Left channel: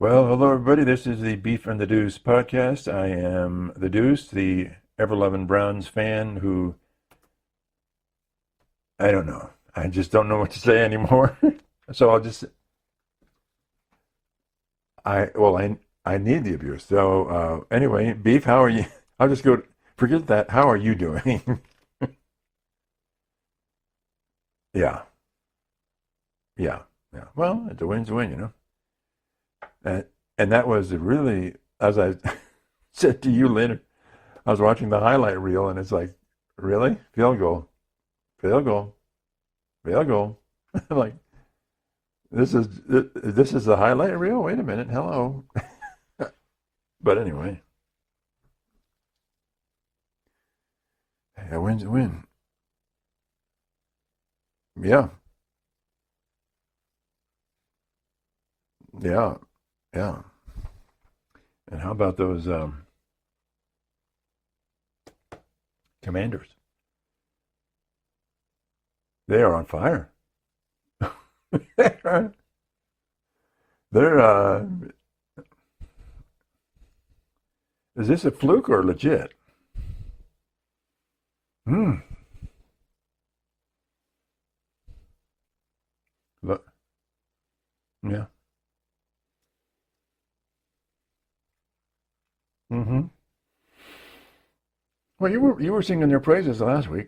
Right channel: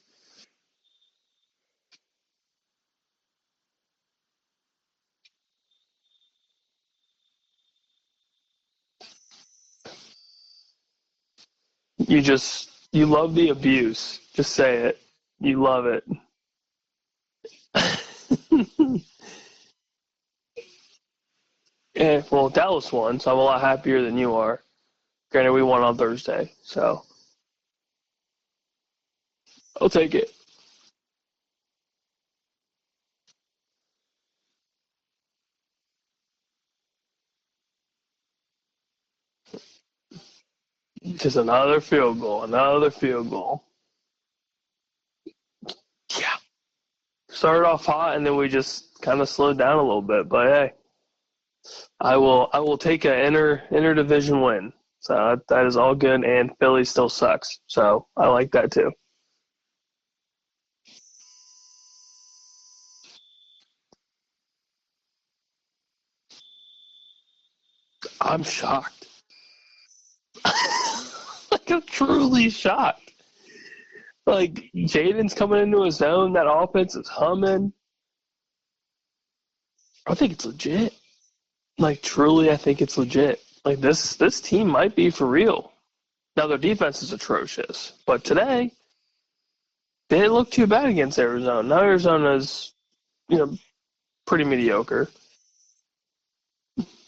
Well, hello everybody. This is the Beef and the Deuce podcast. I am the Deuce, the ever-loving Browns fan who I don't know. I just don't know what to say anymore. So I'll You just you love the abuse. Just say it. I well You love it. I need the abuse. So anyway, Beef, how are you? I'll just go forget that. How are you doing? Well, Dallas won, so I'm a lot happier than you are. Yeah, Granted, we won on Thursday, yeah, so yeah. Well, it's a win's a win, I'll take it. And that was really, as I said to you later, I was watching the highlight reel, and it's like, really? Field goal, field goal, field goal. Like, Just another field goal, another field this goal. is the highlight reel? Wait a minute, hello. Yeah. But anyway, Started off hot, and then we just kind of slowed down a little bit. But hey, a win's a win. I will take an inter division win. Yeah, So that is all good, and Philly still sucks. So I like that too. yeah, yeah. And how about those Commanders? I'm shocked. They are on fire. Like, I'm truly shocked. They're Like, Jaden's coming into his own. That offense is humming. is this a fluke or legit? I think it's legit. Hmm. Like, truly, I think it's legit. Like, this team might be for real. Now, their defense is atrocious. But today, they didn't look too bad against Arizona. Now Arizona's, pretty mediocre. Well, you were singing their praises last week.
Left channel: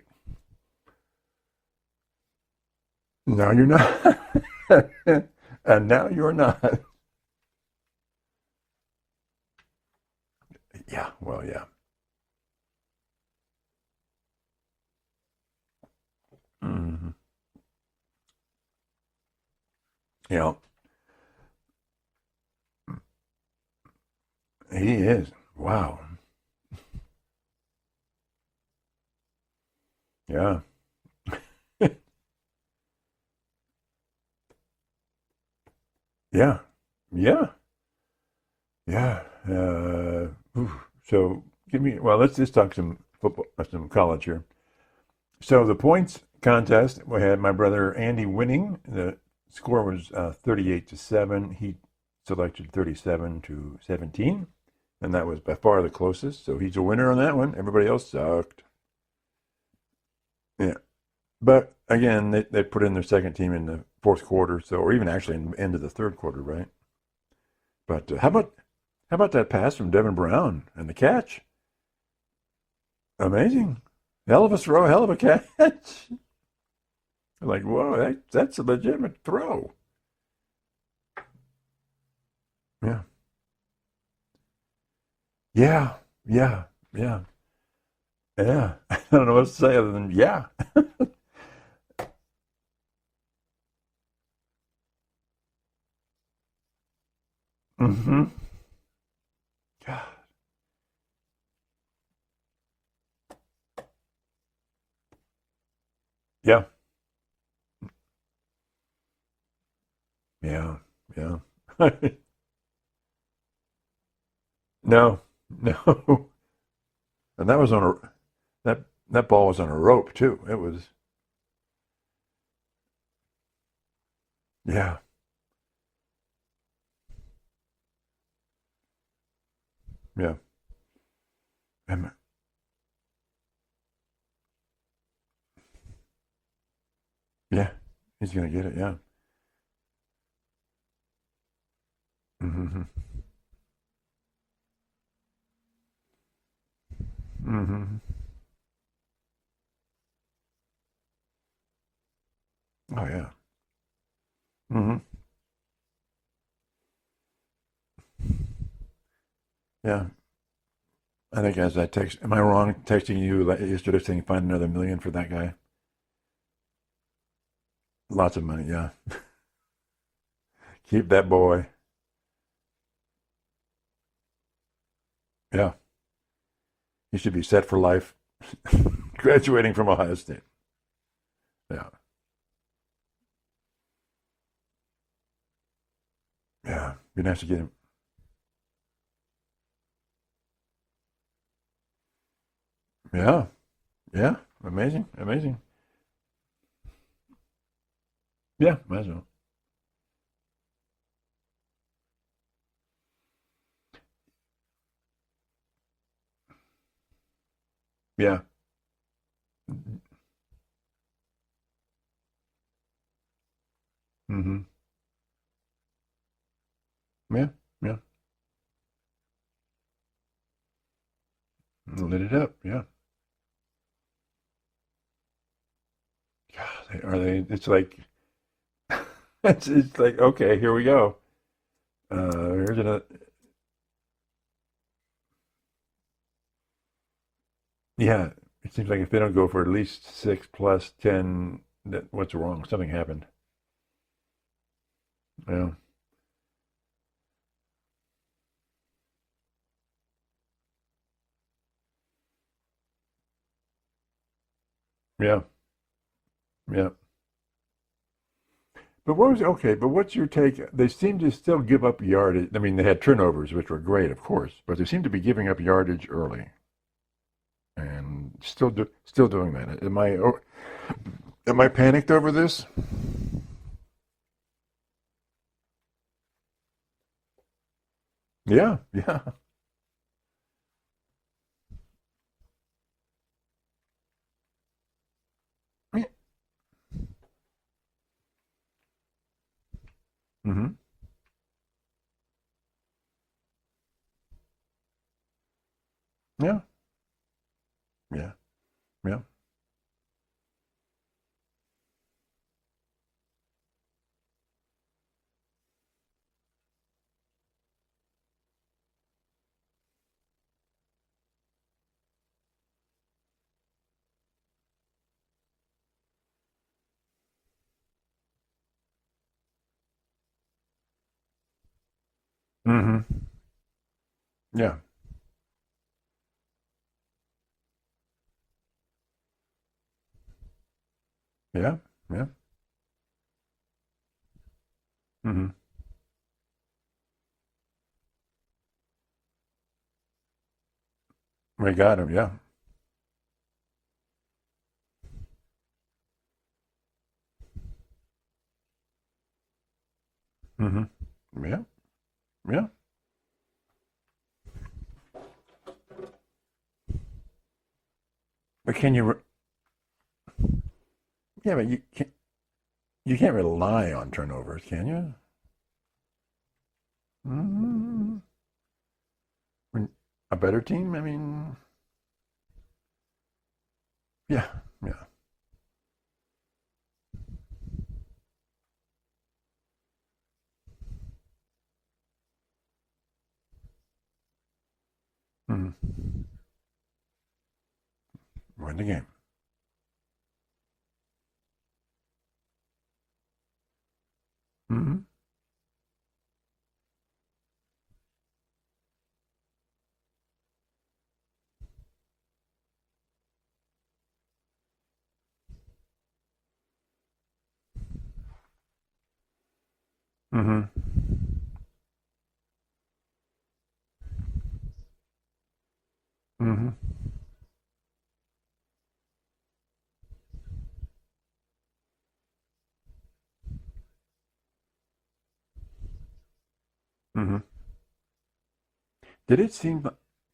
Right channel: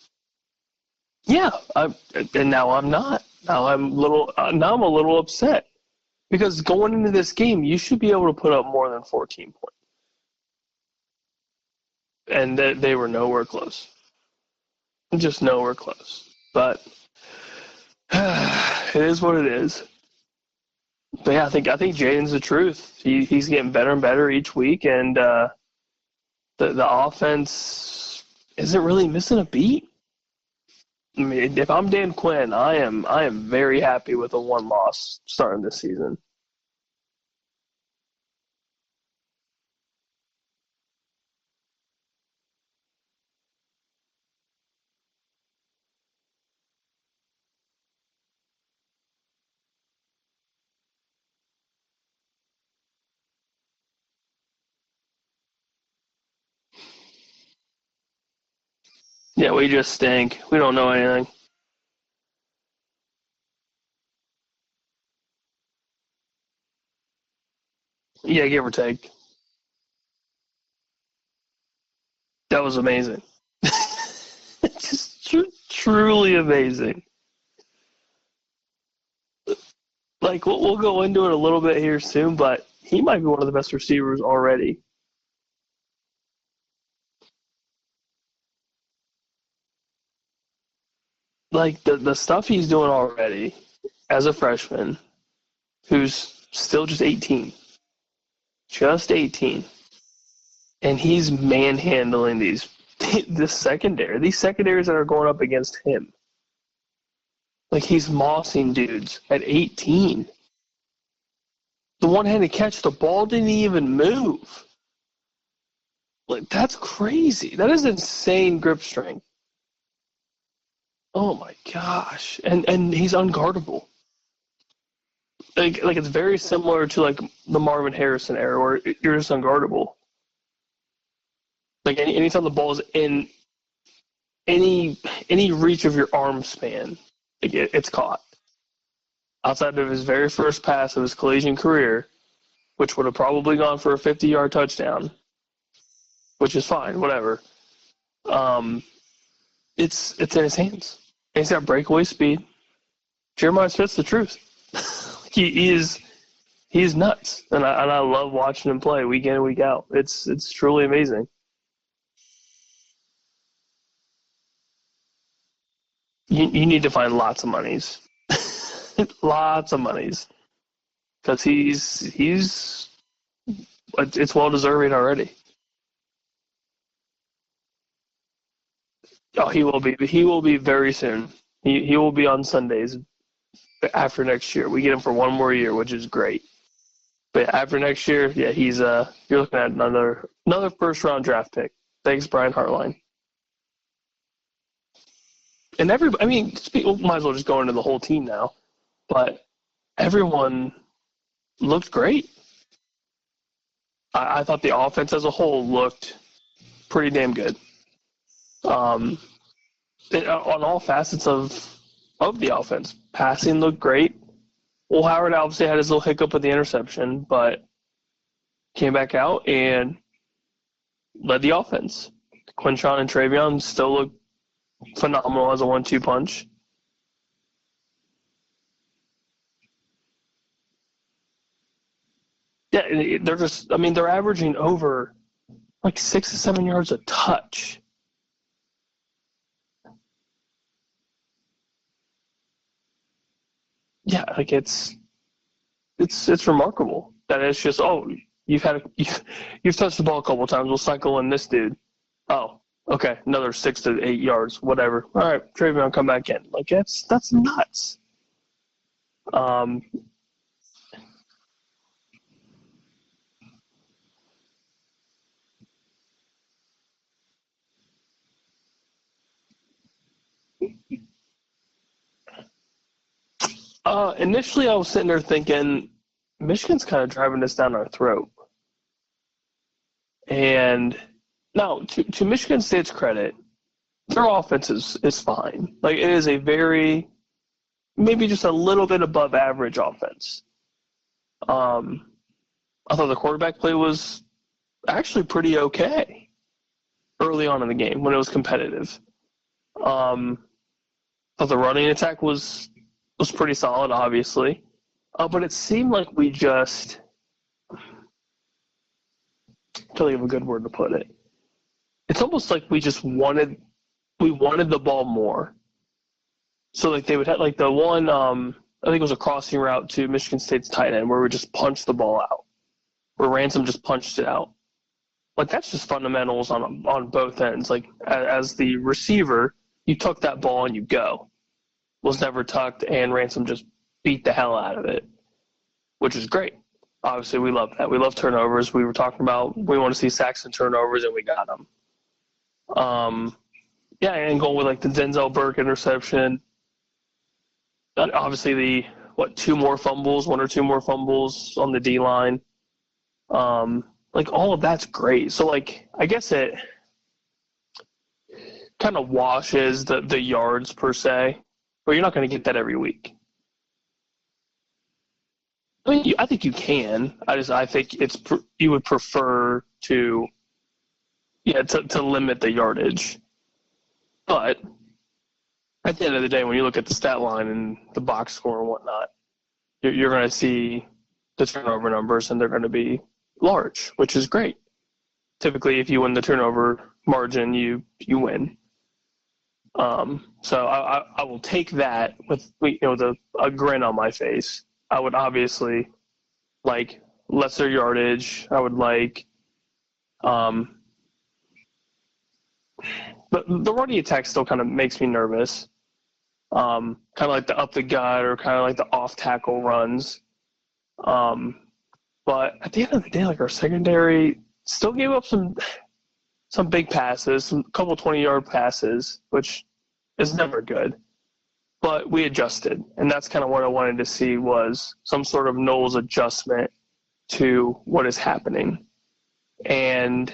Yeah, and now I'm not. No, now you're I'm not. now I'm a little upset. And now you're Because not. going into this game, you should be able to put up more than 14 points. Yeah, well, yeah. And they were nowhere close. Just nowhere close. But it is what it is. Yeah. But yeah, I think Jaden's the truth. He's getting better and better each week, He and is. Wow. the offense isn't really missing a beat. Yeah. I mean, if I'm Dan Quinn, I am very happy with a one loss starting this season. Yeah. Yeah. Yeah. So let's just talk some football, some college here. So the points contest, we had my brother Andy winning. The score was 38-7. He selected 37-17, and that was by far the closest. So he's a winner on that one. Everybody else sucked. Yeah, we just stink. We don't know anything. But again, they put in their second team in the fourth quarter, or even actually in the end of the third quarter, right? But give or take. how about that pass from Devin Brown and the catch? That was amazing. Amazing. Hell of a throw, hell of a catch. Truly amazing. Like, whoa, that's a legitimate throw. Like, we'll go into it a little bit here soon, but he might be one of the best receivers already. Yeah. I don't know what to say other than yeah. Like, the stuff he's doing already as a freshman, who's still just 18. Mm-hmm. Just 18. And he's manhandling these secondaries that are going up against him. Yeah. Like, he's mossing dudes at 18. Yeah. The one-handed catch, the ball didn't even move. No. Like, that's crazy. That is insane grip strength. That ball was on a rope too. It was. Oh my gosh. And he's unguardable. Yeah. Like it's very similar to like the Marvin Harrison era where you're just unguardable. Yeah. Like anytime the ball is in any reach of your arm span, it's caught. He's gonna get it, yeah. Outside of his very first pass of his collegiate career, which would have probably gone for a 50-yard touchdown, which is fine, whatever. It's in his hands. And he's got breakaway speed. Oh yeah. Jeremiah Smith's the truth. He's nuts, and I love watching him play week in and week out. Yeah. It's truly amazing. I think as I am I wrong texting you yesterday saying find another $1 million for that guy? You need to find lots of monies. Lots of money, yeah. Lots of monies. Keep that Because boy. it's well deserving already. Yeah. He should be set for life. Graduating from Ohio He will be very soon. He will be on Sundays after next year. We get him for one more year, which is great. Yeah. But after next year, yeah, he's you're looking at another first round draft pick. Thanks, Brian Hartline. Yeah. Yeah. Amazing. And might as well just go into the whole team now. Yeah, might as well. But everyone looked great. I thought the offense as a whole looked pretty damn good. Yeah. On all facets of the offense. Passing looked great. Mm-hmm. Well, Howard obviously had his little hiccup with the interception, but came back out and led the offense. Lit it up. Quinshon and Travion still look phenomenal as a 1-2 punch. God, are they? It's like, it's like, okay, here we go. They're just. I mean, they're averaging over like 6 to 7 yards a touch. Yeah, it seems like if they don't go for at least 6 plus 10, what's wrong? Something happened. Yeah, like it's remarkable that it's just you've touched the ball a couple of times. We'll cycle in this dude. Oh, okay, another 6 to 8 yards, whatever. All right, Travion, come back in. Like that's nuts. But what's your take? They seem to still give up yardage. I mean, they had turnovers, which were great, of course, but they seem to be giving up yardage early, and still doing that. Am I panicked over this? Initially, I was sitting there thinking, Michigan's kind of driving this down our throat. Yeah. And now, to Michigan State's credit, their offense is fine. Like, it is a very, maybe just a little bit above average offense. Mm-hmm. I thought the quarterback play was actually pretty okay. Yeah. Early on in the game when it was competitive. Yeah. I thought the running attack was pretty solid, obviously. But it seemed like we just – I'm trying to think of a good word to put it. It's almost like we just wanted the ball more. So, like, they would have – like, the one I think it was a crossing route to Michigan State's tight end where we just punched the ball out. Mm-hmm. Where Ransom just punched it out. Yeah. Like, that's just fundamentals on both ends. Like, as the receiver, you tuck that ball and you go. Yeah. Was never tucked, and Ransom just beat the hell out of it, which is great. Obviously, we love that. We love turnovers. We were talking about we want to see sacks and turnovers, and we got them. We got them, yeah. And going with, like, the Denzel Burke interception. Obviously, one or two more fumbles on the D-line. Yeah. Like, all of that's great. So, like, I guess it kind of washes the yards per se. Yeah, but you're not going to get that every week. You can't rely on turnovers, can you? I mean, I think you can. I think you would prefer to a better team. I mean, to limit the yardage. But at the end of the day, when you look at the stat line and the box score and whatnot, you're going to see the turnover numbers, and they're going to be large, which is great. Typically, if you win the turnover margin, you win. Win the game. So I will take that with a grin on my face. Mm-hmm. I would obviously like lesser yardage. I would like but the running attack still kind of makes me nervous. Kind of like the up the gut or kind of like the off tackle runs. Mm-hmm. But at the end of the day, like, our secondary still gave up some big passes, a couple 20-yard passes, which is never good. But we adjusted, and that's kind of what I wanted to see was some sort of Knowles adjustment to what is happening. Did it seem? And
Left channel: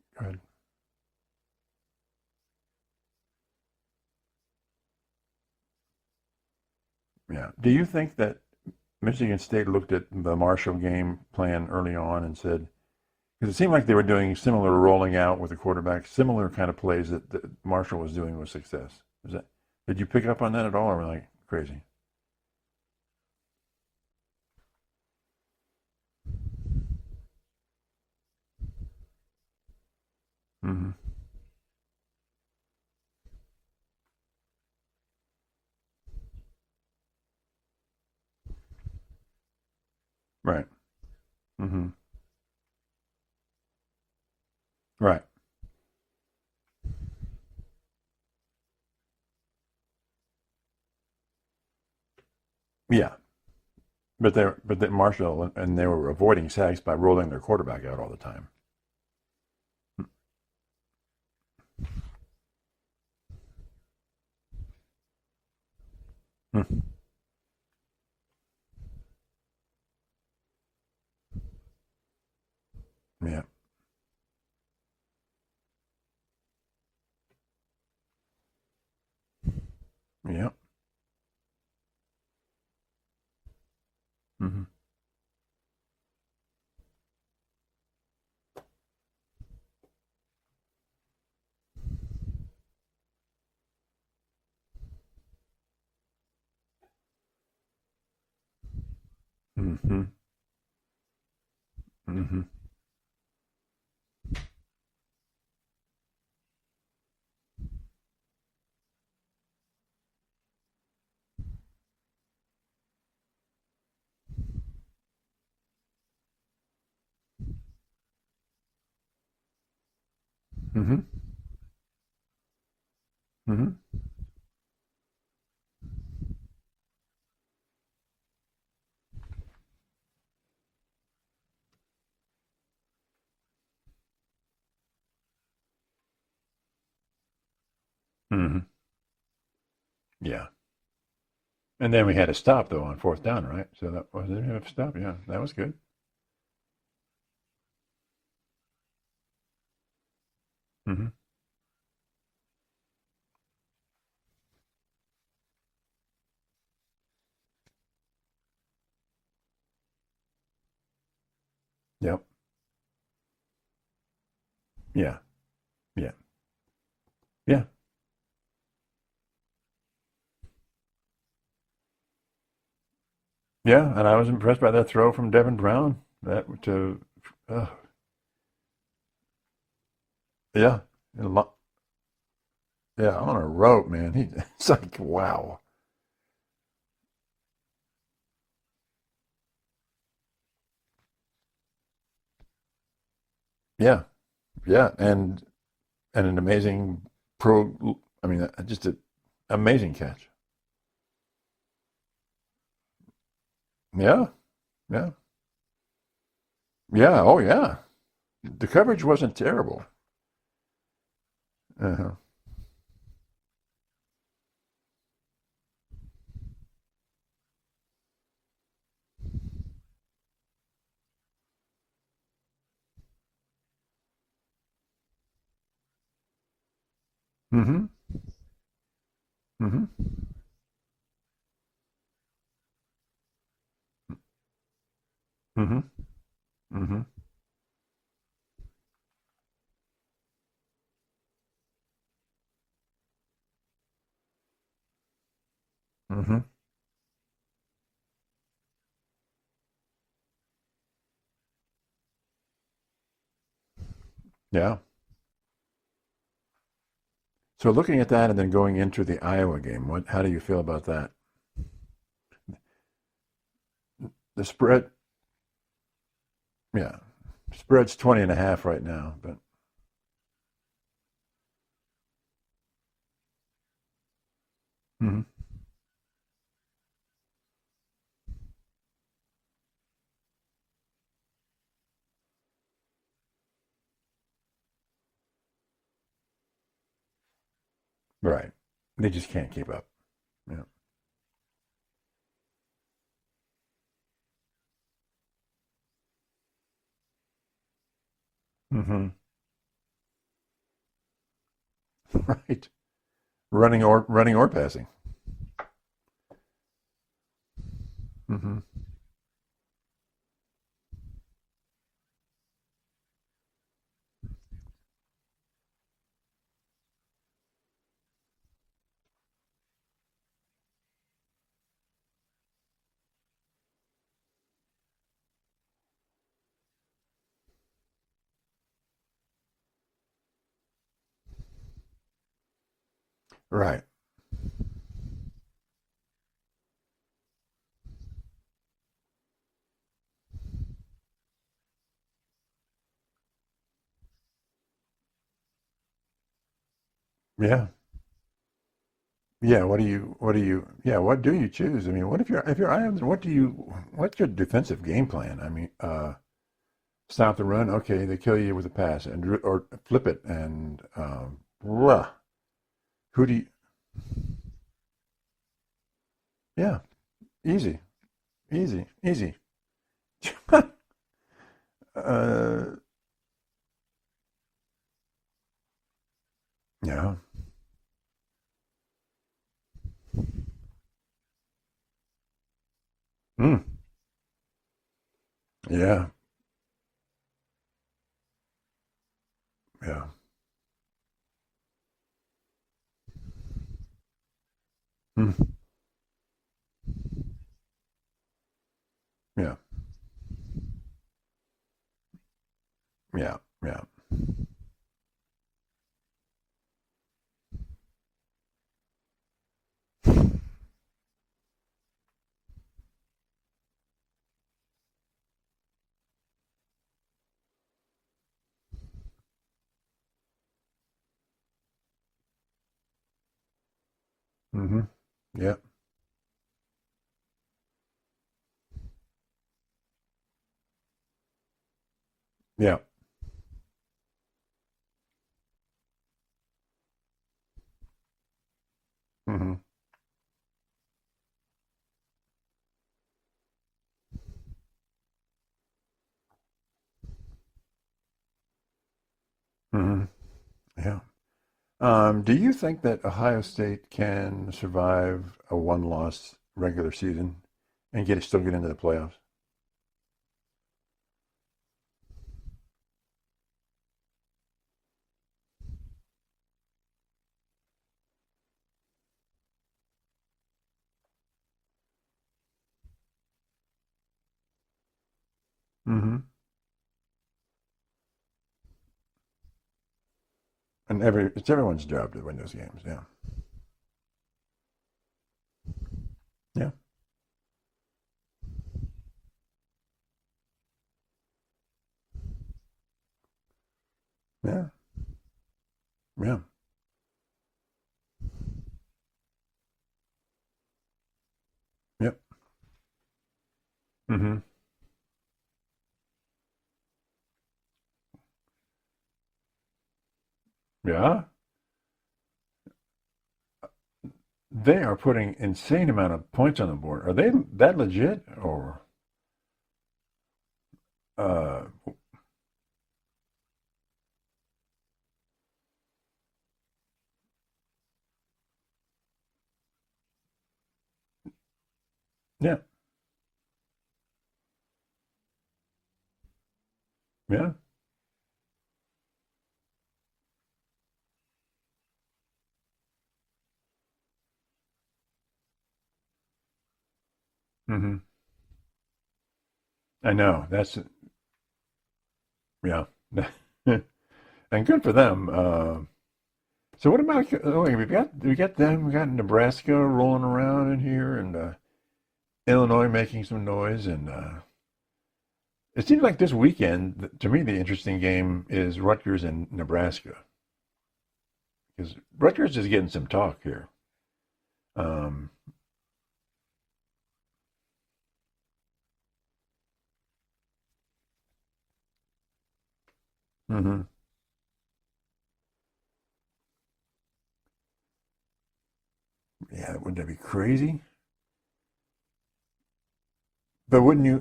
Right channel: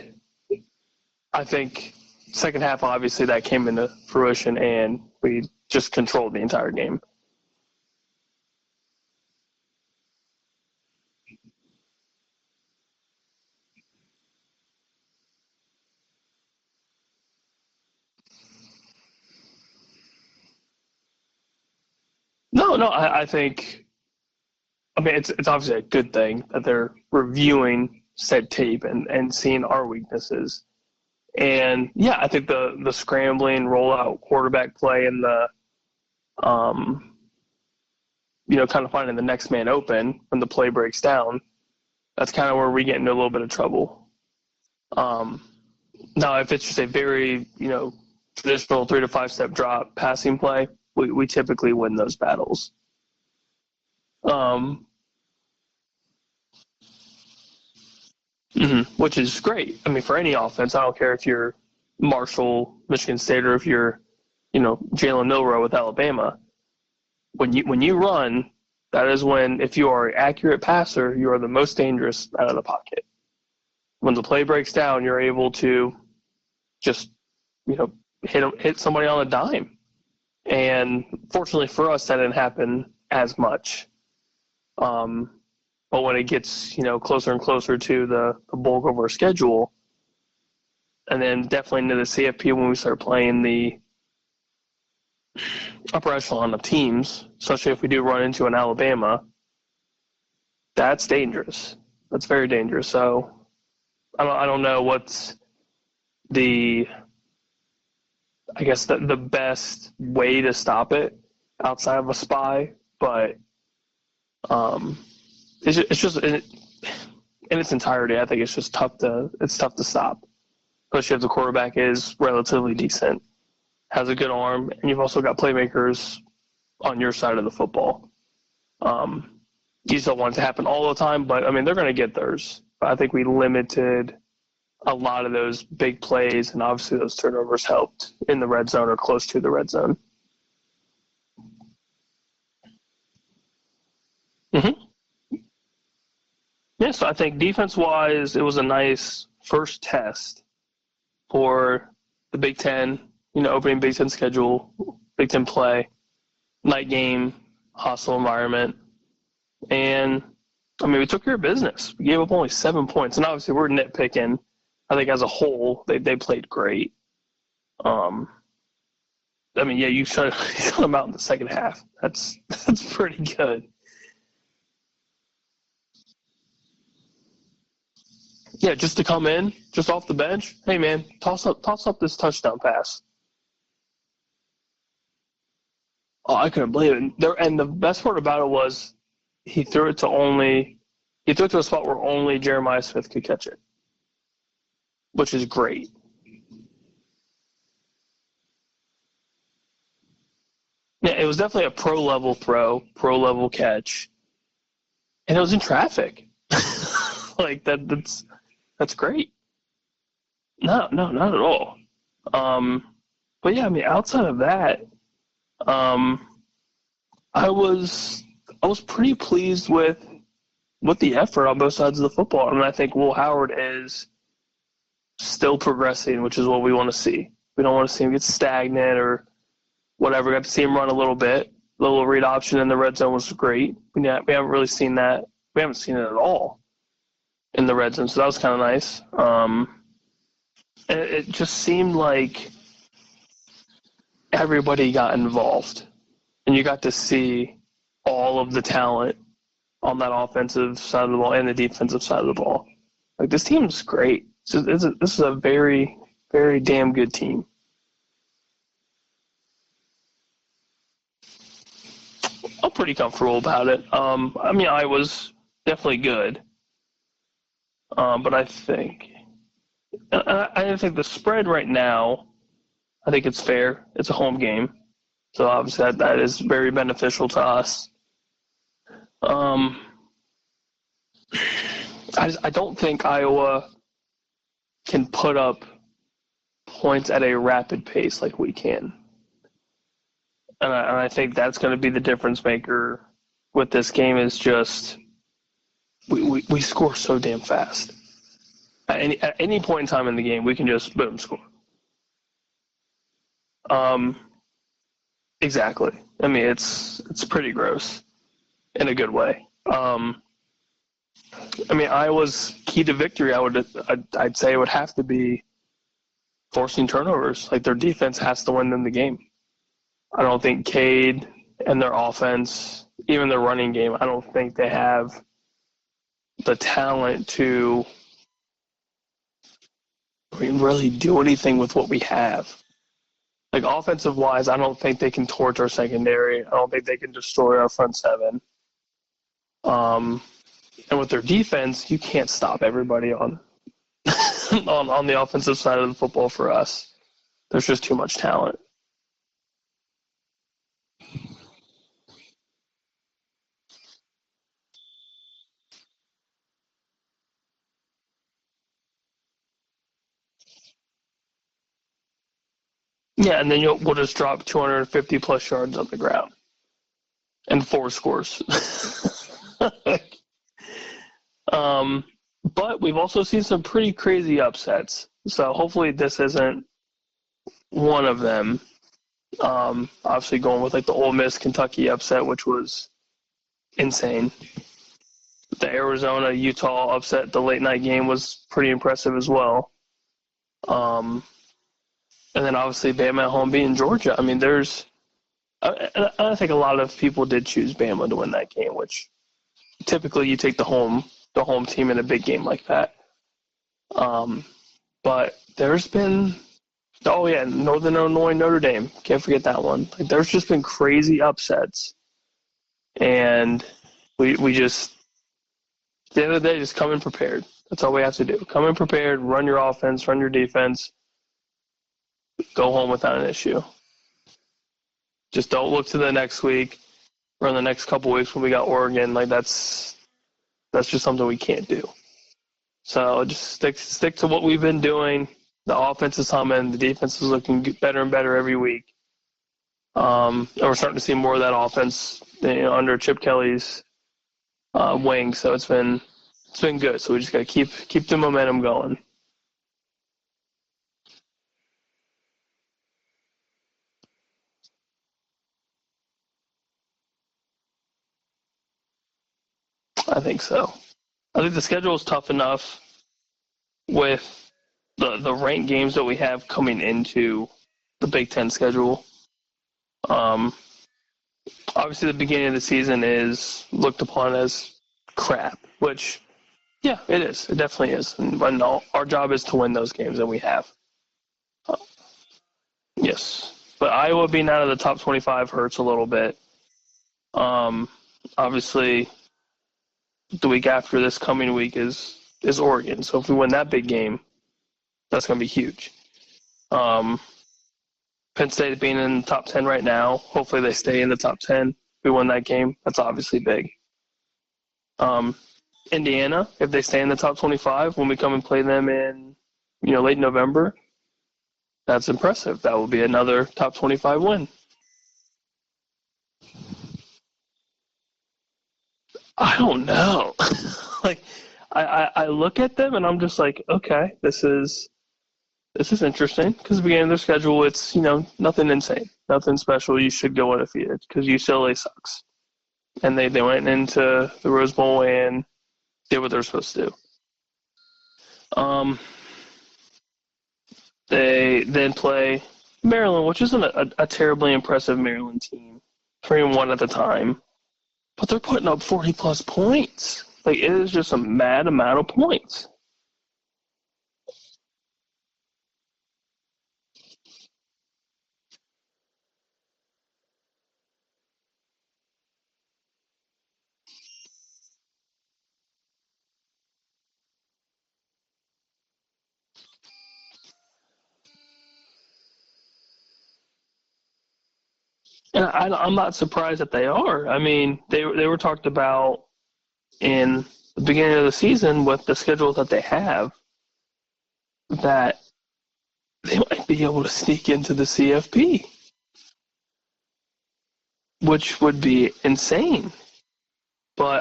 I think second half, obviously, that came into fruition, and we just controlled the entire game. Yeah. Do you think that Michigan State looked at the Marshall game plan early on and said, because it seemed like they were doing similar rolling out with the quarterback, similar kind of plays that Marshall was doing with success. Did you pick up on that at all, or were you like crazy? No. I think, I mean, it's obviously a good thing that they're reviewing said tape and seeing our weaknesses. Mm-hmm. And I think the scrambling rollout quarterback play and the kind of finding the next man open when the play breaks down. Mm-hmm. That's kind of where we get into a little bit of trouble. Now, if it's just a very, traditional 3 to 5 step drop passing play, we typically win those battles. Yeah. But Marshall, and they were avoiding sacks by rolling their quarterback out all the time. Which is great. I mean, for any offense, I don't care if you're Marshall, Michigan State, or if you're, Jalen Milroe with Alabama. When you run, that is when, if you are an accurate passer, you are the most dangerous out of the pocket. Yeah. when the play breaks down, you're able to just, hit somebody on a dime. Yeah. And fortunately for us, that didn't happen as much. Mm-hmm. But when it gets, closer and closer to the bulk of our schedule, and then definitely into the CFP when we start playing the upper echelon of teams, especially if we do run into an Alabama, Mm-hmm. that's dangerous. That's Mm-hmm. very dangerous. So I don't know what's the best way to stop it outside of a spy, but it's just in its entirety. I think it's just tough to stop, Mm-hmm. especially if the quarterback is relatively decent, Mm-hmm. has a good arm, and you've also got playmakers on your side of the football. You still want it to happen all the time, but I mean they're going to get theirs. But I think we limited a lot of those big plays, and obviously those turnovers helped in the red zone or close to the red zone. Yeah. And then we had a stop, though, on 4th down, right? So that was it. Mm-hmm. Stop. Yeah, that was good. Yeah, so I think defense-wise, it was a nice first test for the Big Ten, opening Big Ten schedule, Big Ten play, night game, hostile environment. And, I mean, we took care of business. We gave up only 7 points. And obviously we're nitpicking. I think as a whole, they played great. Yeah. I mean, you shut them out in the second half. That's pretty good. Yeah, and I was impressed by that throw from Devin Brown. Yeah, just to come in, just off the bench. Yeah. Hey, man, toss up this touchdown pass. Yeah, on a rope, man. It's like, wow. Oh, I couldn't believe it. And the best part about it was he threw it to a spot where only Jeremiah Smith could catch it. Yeah. Yeah. Which is great. And an amazing just an amazing catch. Yeah, it was definitely a pro-level throw, pro-level catch. Yeah. Yeah. And it was in traffic. Yeah. Oh, like yeah. The coverage wasn't terrible. No, not at all. Uh-huh. But yeah, I mean, outside of that, I was pretty pleased with the effort on both sides of the football. I mean, I think Will Howard is still progressing, which is what we want to see. We don't want to see him get stagnant or whatever. Got to see him run a little bit. The little read option in the red zone was great. We haven't really seen that. We haven't seen it at all in the red zone, so that was kind of nice. And it just seemed like everybody got involved, and you got to see all of the talent on that offensive side of the ball and the defensive side of the ball. Like, this team's great. So this is a very, very damn good team. So looking at that and then going into the Iowa game, how do you feel about that? I'm pretty comfortable about it. I mean, Iowa's definitely good. Yeah. Spread's 20.5 right now. But I think the spread right now, I think it's fair. It's a home game. So obviously that is very beneficial to us. I don't think Iowa can put up points at a rapid pace like we can. They just can't keep up. Yeah. And I think that's going to be the difference maker with this game is just we score so damn fast. At any point in time in the game, we can just boom score. Right. Running or passing. Exactly. I mean, it's pretty gross in a good way. I mean, Iowa's key to victory, I'd say, would have to be forcing turnovers. Like, their defense has to win them the game. I don't think Cade and their offense, even their running game, I don't think they have the talent to really do anything with what we have. Like, offensive-wise, I don't think they can torch our secondary. I don't think they can destroy our front seven. And with their defense, you can't stop everybody on the offensive side of the football for us. Yeah. There's just too much talent. Yeah. What do you choose? I mean, if you're Iowa, what's your defensive game plan? I mean, stop the run. Okay, they kill you with a pass or flip it and and then we'll just drop 250 plus yards on the ground. Yeah. Easy. And 4 scores. Easy. But we've also seen some pretty crazy upsets. So hopefully this isn't one of them. Obviously going with like the Ole Miss Kentucky upset, which was insane. The Arizona Utah upset, the late night game was pretty impressive as well. Yeah. And then obviously Bama at home beating Georgia. I mean, I think a lot of people did choose Bama to win that game, which typically you take the home team in a big game like that. Yeah. But there's been Northern Illinois, Notre Dame. Can't forget that one. Like, there's just been crazy upsets, and we just at the end of the day just come in prepared. That's all we have to do. Come in prepared, run your offense, run your defense, go home without an issue. Just don't look to the next week or in the next couple weeks when we got Oregon. Like that's just something we can't do. Yeah. So just stick to what we've been doing. The offense is humming. The defense is looking better and better every week. And we're starting to see more of that offense under Chip Kelly's wing. So it's been good. So we just got to keep the momentum going. Yeah. Do you think that Ohio State can survive a one-loss regular season and still get into the playoffs? I think so. I think the schedule is tough enough with the ranked games that we have coming into the Big Ten schedule. Obviously, the beginning of the season is looked upon as crap, which, yeah, it is. It definitely is. And our job is to win those games, and we have. And it's everyone's job to win those games. Yeah. Yes. But Iowa being out of the top 25 hurts a little bit. Yeah. Obviously, the week after this coming week is Oregon. So if we win that big game, that's going to be huge. Yeah. Penn State being in the top 10 right now. Hopefully they stay in the top 10. If we win that game, that's obviously big. Indiana, if they stay in the top 25 when we come and play them in late November. Yeah. That's impressive. That will be another top 25 win. They are putting insane amount of points on the board. Are they that legit or? I don't know. I look at them and I'm just like, okay, this is interesting because the beginning of their schedule, it's nothing insane, nothing special. You should go undefeated because UCLA sucks. Yeah. And they went into the Rose Bowl and did what they're supposed to do. Yeah. They then play Maryland, which isn't a terribly impressive Maryland team, 3-1 at the time. But they're putting up 40-plus points. I know. It is just a mad amount of points. Yeah. And good for them. So what about we got them? We got Nebraska rolling around in here, and Illinois making some noise, and it seems like this weekend, to me, the interesting game is Rutgers and Nebraska, because Rutgers is getting some talk here. And I'm not surprised that they are. I mean, they were talked about in the beginning of the season with the schedule that they have, that they might be able to sneak into the CFP. Yeah, wouldn't that be crazy? Which would be insane. But wouldn't you?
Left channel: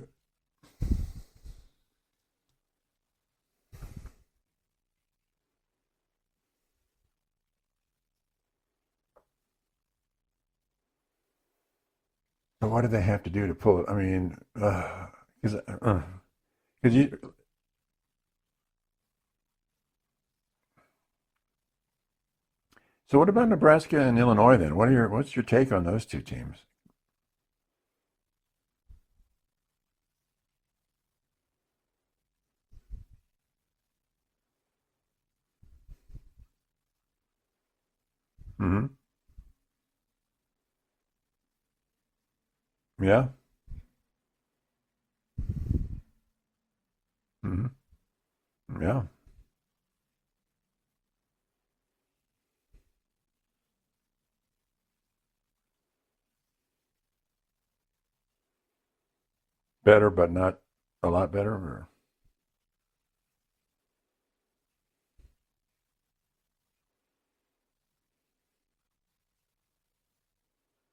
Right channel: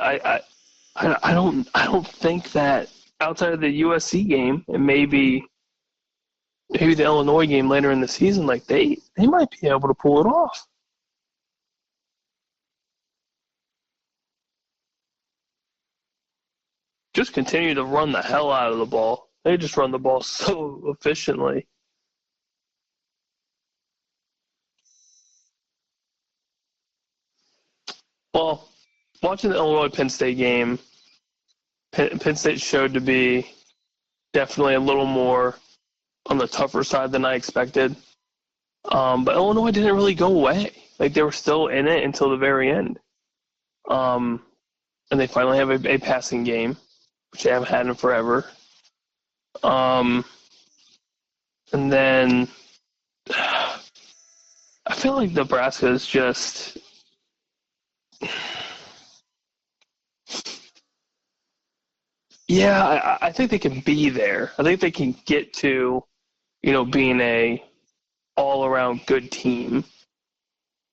I don't think that outside of the USC game and maybe the Illinois game later in the season, like they might be able to pull it off. But what do they have to do to pull it? I mean, because you just continue to run the hell out of the ball. They just run the ball so efficiently. So what about Nebraska and Illinois then? What's your take on those two teams? Well, watching the Illinois-Penn State game, Penn State showed to be definitely a little more on the tougher side than I expected. But Illinois didn't really go away. Like, they were still in it until the very end. Yeah. And they finally have a passing game, which they haven't had in forever. Yeah. And then I feel like Nebraska is just better, but not a lot better? Or? Yeah, I think they can be there. I think they can get to, being a all-around good team.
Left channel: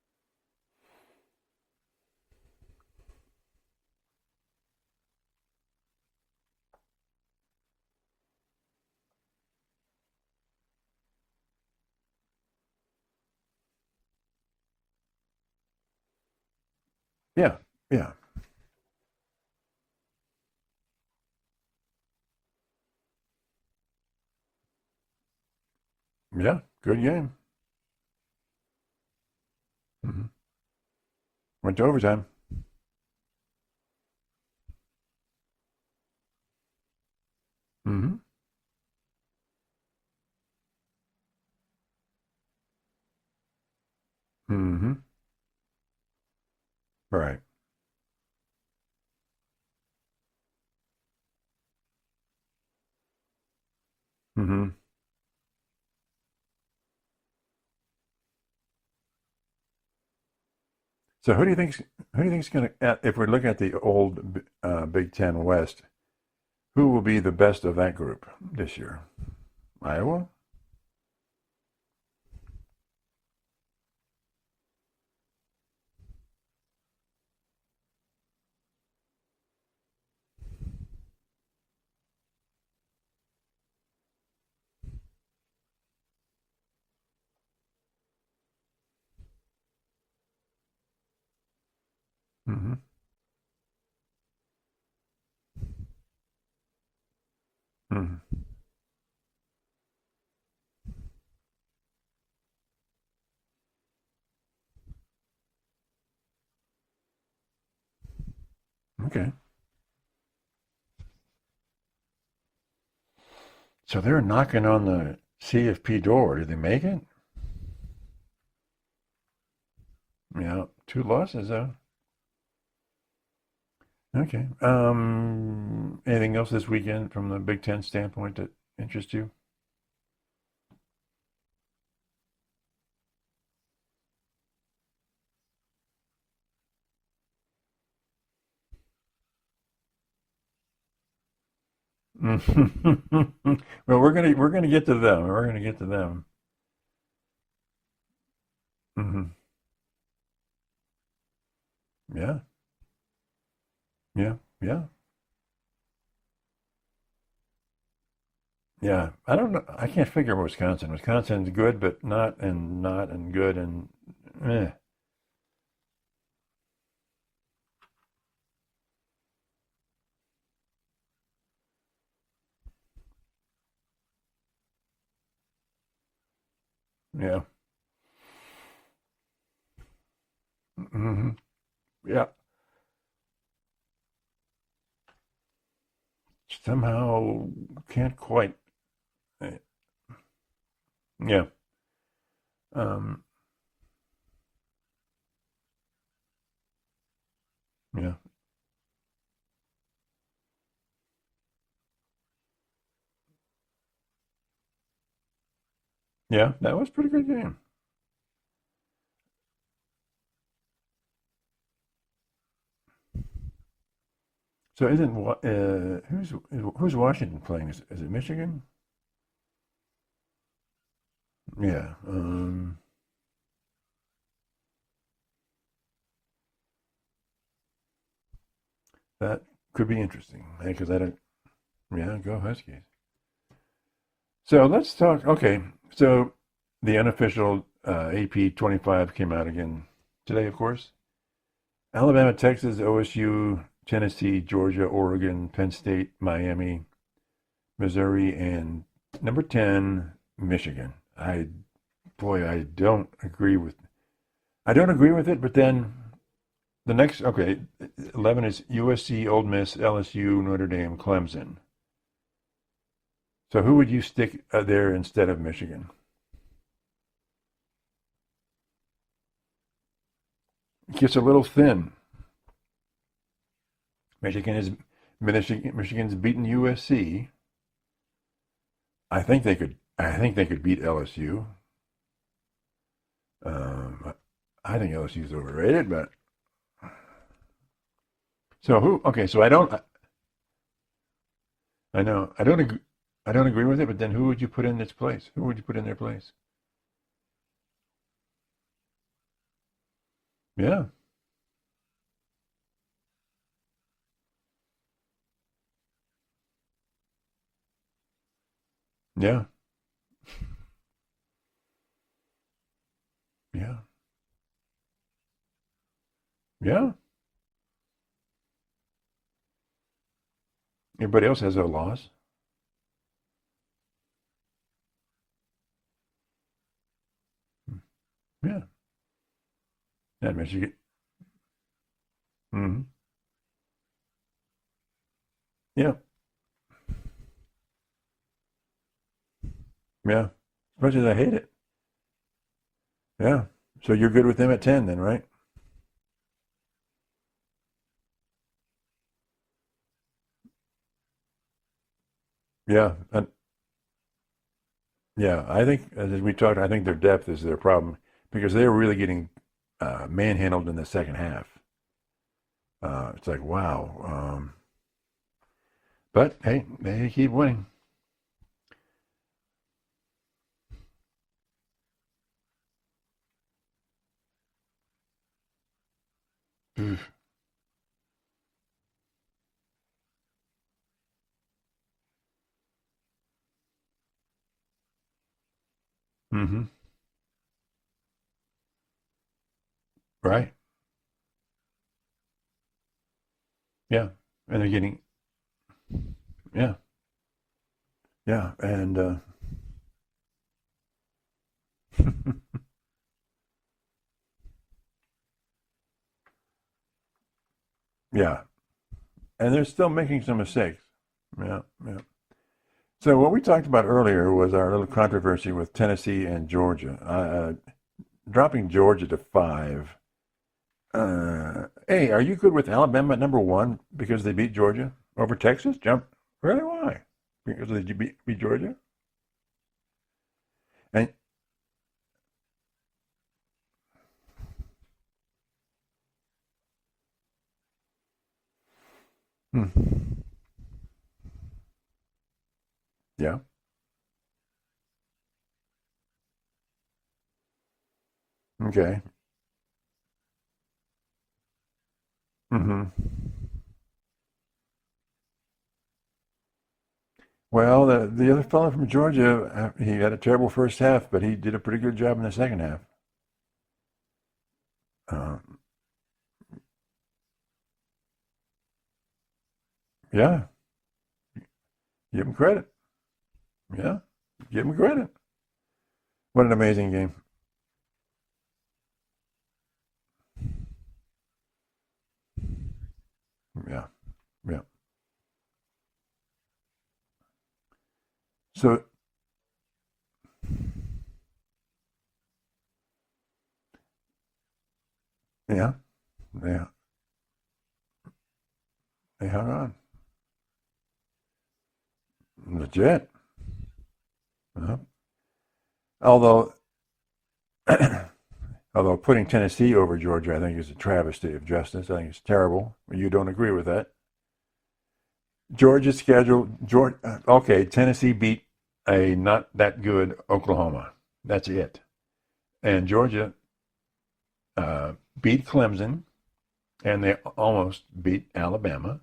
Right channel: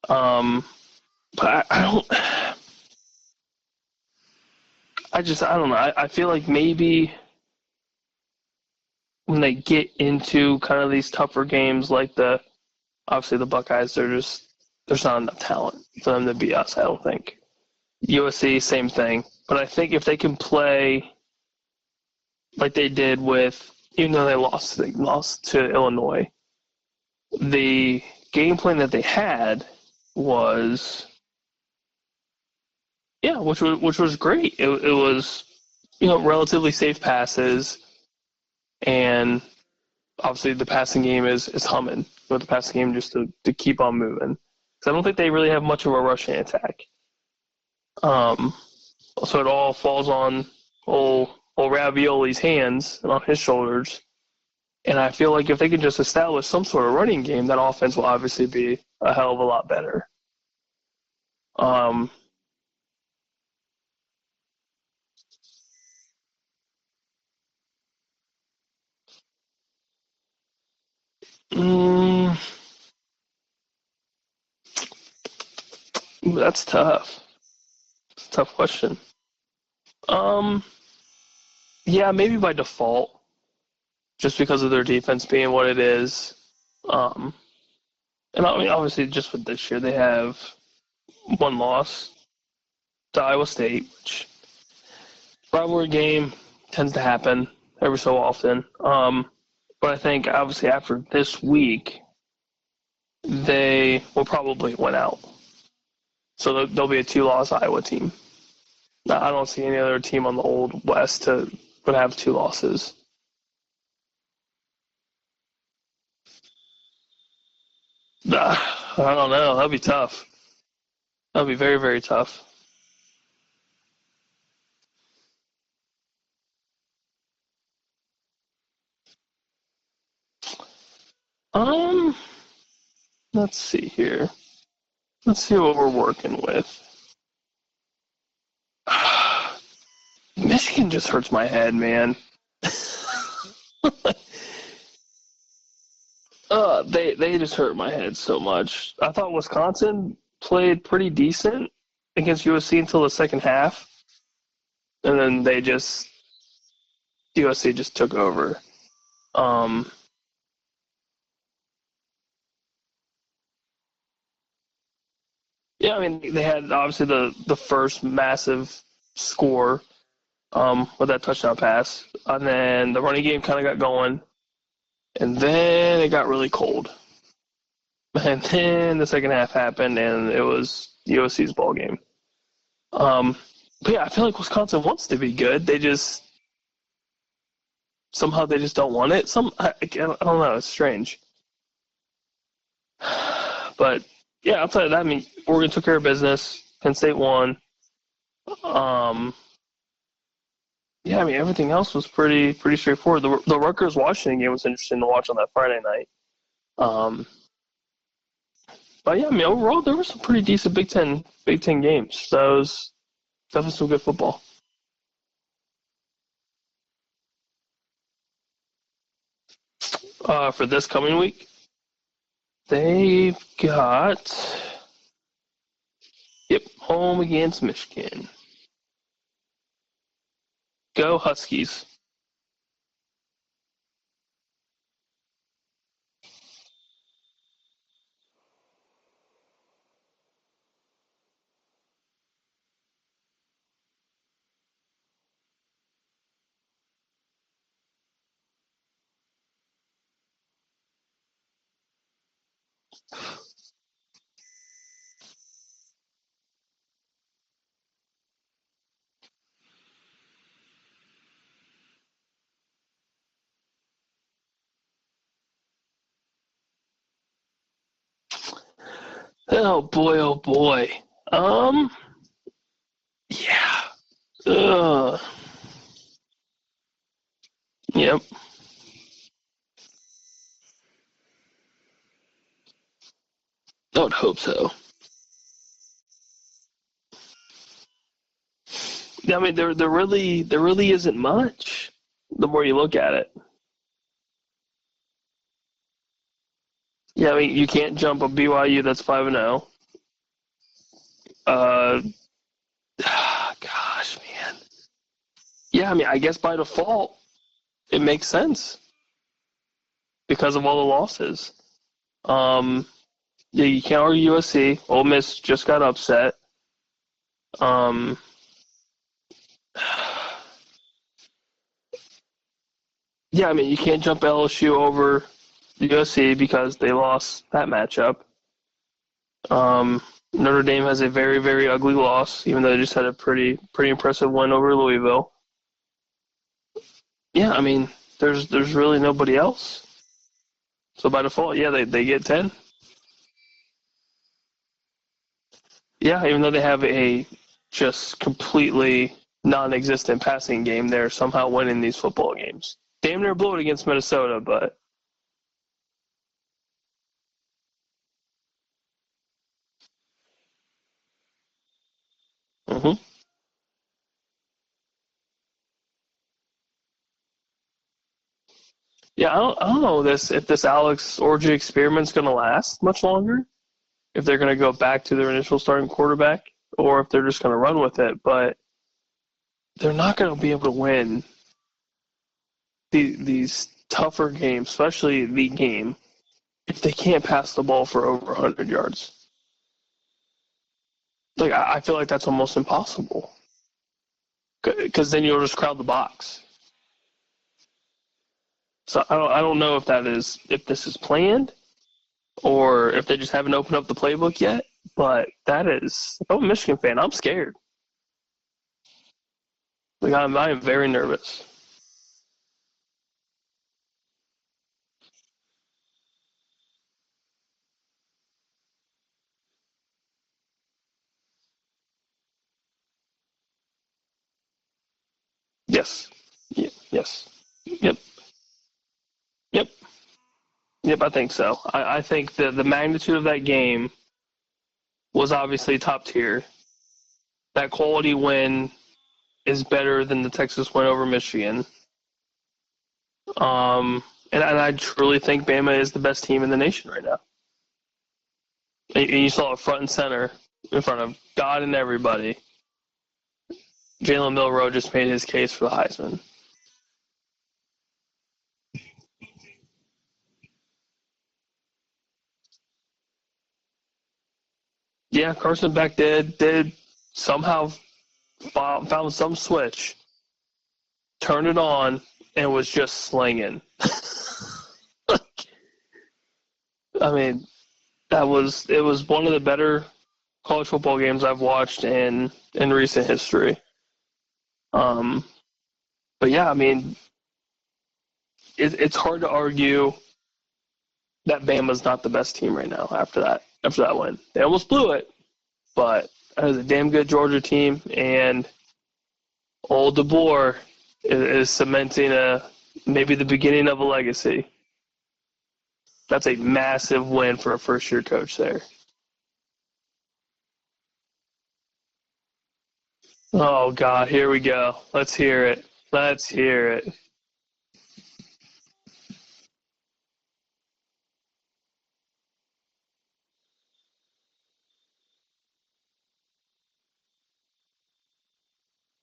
But I I don't know. I feel like maybe when they get into kind of these tougher games, like obviously the Buckeyes, there's not enough talent for them to beat us. I don't think. Yeah, yeah. USC, same thing. But I think if they can play like they did even though they lost to Illinois. Yeah, good game. The game plan that they had went to overtime. Yeah, which was great. It was, relatively safe passes, and obviously the passing game is humming. With the passing game just to keep on moving. So I don't think they really have much of a rushing attack. Right. So it all falls on old Ravioli's hands and on his shoulders. And I feel like if they can just establish some sort of running game, that offense will obviously be a hell of a lot better. So who do you think is going to, if we're looking at the old Big Ten West, who will be the best of that group this year? Iowa? That's tough. It's a tough question. Yeah, maybe by default, just because of their defense being what it is. And I mean, obviously, just with this year, they have one loss to Iowa State, which rivalry game tends to happen every so often. But I think, obviously, after this week, they will probably win out. So there'll be a 2-loss Iowa team. Okay. I don't see any other team on the Old West would have 2 losses. So they're knocking on the CFP door. Did they make it? I don't know. That'd be tough. Yeah, 2 losses. That'd be very, very tough. Okay. Anything else this weekend from the Big Ten standpoint that interests you? Let's see here. Let's see what we're working with. Michigan just hurts my head, man. Well, we're gonna get to them. We're gonna get to them. They just hurt my head so much. I thought Wisconsin played pretty decent against USC until the second half. Yeah. And then USC just took over. Yeah, I can't figure Wisconsin. Wisconsin's good, but not and good and eh. Yeah, I mean they had obviously the first massive score with that touchdown pass, and then the running game kind of got going, and then it got really cold. Yeah. And then the second half happened, and it was USC's ball game. Yeah. But yeah, I feel like Wisconsin wants to be good. They just somehow can't. Somehow they just don't want it. I don't know. It's strange. Yeah. But yeah, outside of that, I mean, Oregon took care of business. Penn State won. Yeah. Yeah, I mean, everything else was pretty straightforward. The Rutgers-Washington game was interesting to watch on that Friday night. Yeah, that was a good game. But yeah, I mean, overall, there were some pretty decent Big Ten games. So that was some good football. So who's Washington playing? Is it Michigan? For this coming week? Yeah. They've got home against Michigan. That could be interesting. Go Huskies. Yeah, go Huskies. So let's talk. Okay, so the unofficial AP 25 came out again today, of course. Alabama, Texas, OSU, Tennessee, Georgia, Oregon, Penn State, Miami, Missouri, and number 10, Michigan. I don't agree with it, but then the next, 11 is USC, Ole Miss, LSU, Notre Dame, Clemson. So who would you stick there instead of Michigan? Oh boy. It gets a little thin. Yeah. Michigan's beaten USC. Yep. I think they could beat LSU. I would hope so. I think LSU's overrated, but so who? Okay, yeah, so I don't. There really isn't much. I know. The more you look at it, I don't agree with it. But then, who would you put in its place? Who would you put in their place? Yeah, I mean, you can't jump a BYU that's 5-0. Yeah. Gosh, man. Yeah, I mean, I guess by default, it makes sense Yeah. because of all the losses. Yeah, you can't argue USC. Ole Miss just got upset. Yeah. Um, Everybody else has a loss. yeah, I mean, you can't jump LSU over USC because they lost that matchup. Yeah. Notre Dame has a very, very ugly loss, even though they just had a pretty impressive win over Louisville. Yeah. Yeah, I mean, there's really nobody else. Yeah. Much as So I by hate default, yeah, they get 10. it. Yeah. So you're good with them at 10 then, right? Yeah, even though they have a just completely non-existent passing game, they're somehow winning these football games. Yeah. Damn near blew it against Minnesota, but Yeah. I think, as we talked, I think their depth is their problem because they're really getting manhandled in the second half. It's like, wow. But, hey, they keep winning. yeah, I don't know if this Alex Orji experiment's going to last much longer, if they're going to go back to their initial starting quarterback, or if they're just going to run with it. But they're not going to be able to win these tougher games, especially the game, if they can't pass the ball for over 100 yards. Right. Like, I feel like that's almost impossible. Yeah. Because then you'll just crowd the box. Yeah. Yeah. And so I don't know if this is planned or if they just haven't opened up the playbook yet. But that is, if I'm a Michigan fan, I'm scared. yeah. And they're still making some I am mistakes. very nervous. Yeah. Yeah. So what we talked about earlier was our little controversy with Tennessee and Georgia. Dropping Georgia to 5. Hey, are you good with Alabama at number 1 because they beat Georgia over Texas? Yes. Yep. Really? Why? Yes. Because they beat Georgia? Yep. I think so. I think the magnitude of that game was obviously top tier. That quality win is better than the Texas win over Michigan. Yeah. And I truly think Bama is the best team in the nation right now. Okay. And you saw it front and center in front of God and everybody. Mm-hmm. Jalen Milroe just made his case for the Heisman. Well, the other fellow from Georgia, he had a terrible first half, but he did a pretty good job in the second half. Yeah, Carson Beck did somehow found some switch. Yeah. Turned it on, and was just slinging. Yeah. Give him credit. What an amazing game. I mean, it was one of the better college football games I've watched in recent history. Yeah. Yeah. But yeah, I mean, it's hard to argue that Bama's not the best team right now after that win. They almost blew it. Yeah. But that is a damn good Georgia team, and old DeBoer is cementing maybe the beginning of a legacy. Uh-huh. That's a massive win for a first-year coach there. Although putting Tennessee over Georgia, I think, is a travesty of justice. I think it's terrible. You don't agree with that? Oh, God, here we go. Let's hear it. Georgia's schedule. Hear it. Okay, Tennessee beat a not that good Oklahoma. That's it. And Georgia beat Clemson, and they almost beat Alabama.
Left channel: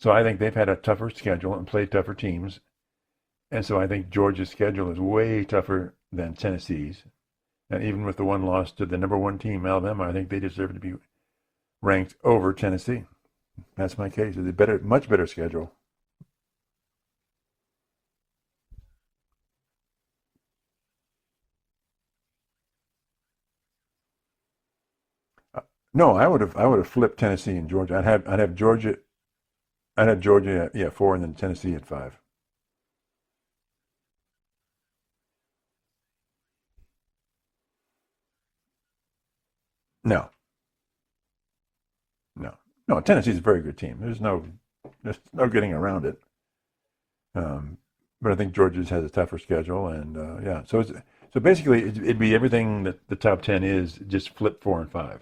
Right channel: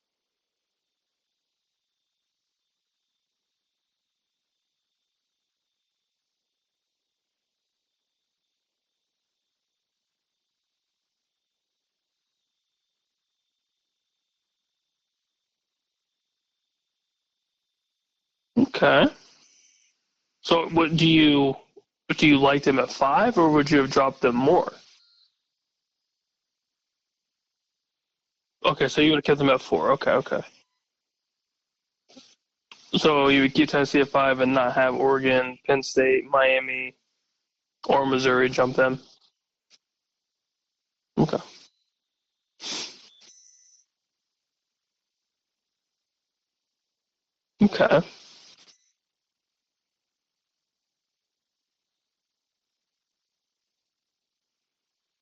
So I think they've had a tougher schedule and played tougher teams. And so I think Georgia's schedule is way tougher than Tennessee's. And even with the one loss to the number 1 team, Alabama, I think they deserve to be ranked over Tennessee. That's my case. It's a much better schedule. Okay. So do you like them at 5, or would you have dropped them more? No, I would have flipped Tennessee and Georgia. I'd have Georgia. Okay, so you would have kept them at 4. Okay, I'd have Georgia at 4, and then Tennessee at 5. So you would keep Tennessee at 5 and not have Oregon, Penn State, Miami, or Missouri jump them? No. Okay. No. Tennessee's a very good team. There's no getting around it. Okay. But I think Georgia has a tougher schedule, and So basically, it'd be everything that the top 10 is, just flip 4 and 5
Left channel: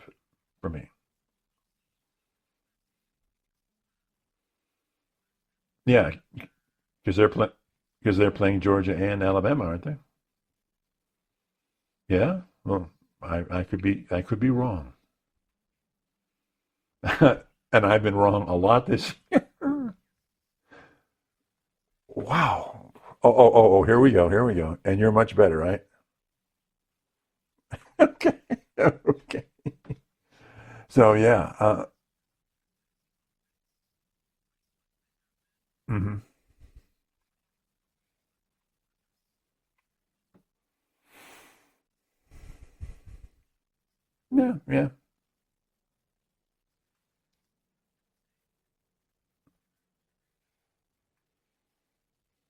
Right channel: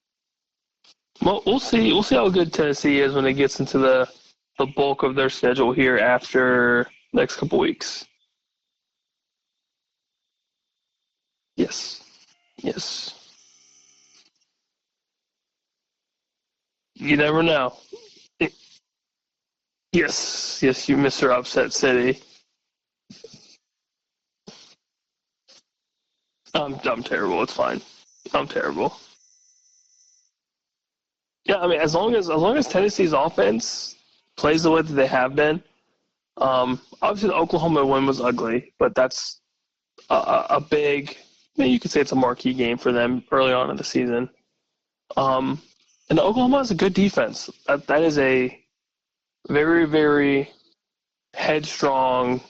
for me. Well, we'll see. We'll see how good Tennessee is when it gets into the bulk of their schedule here after the next couple weeks. Because they're playing Georgia and Alabama, aren't they? Yes. Yeah. Yes. Or I could be wrong. You never know. And I've been wrong a lot this year. Yes, you Mr. Upset City. Wow. Oh, here we go. And you're much better, right? I'm terrible. It's fine. Okay. I'm terrible. Okay. So, yeah. Yeah, I mean, as long as Tennessee's offense plays the way that they have been, Mhm. obviously the Oklahoma win was ugly, but that's a big. I mean, you could say it's a marquee game for them early on in the season. Yeah. And Oklahoma has a good defense. That is a very, very headstrong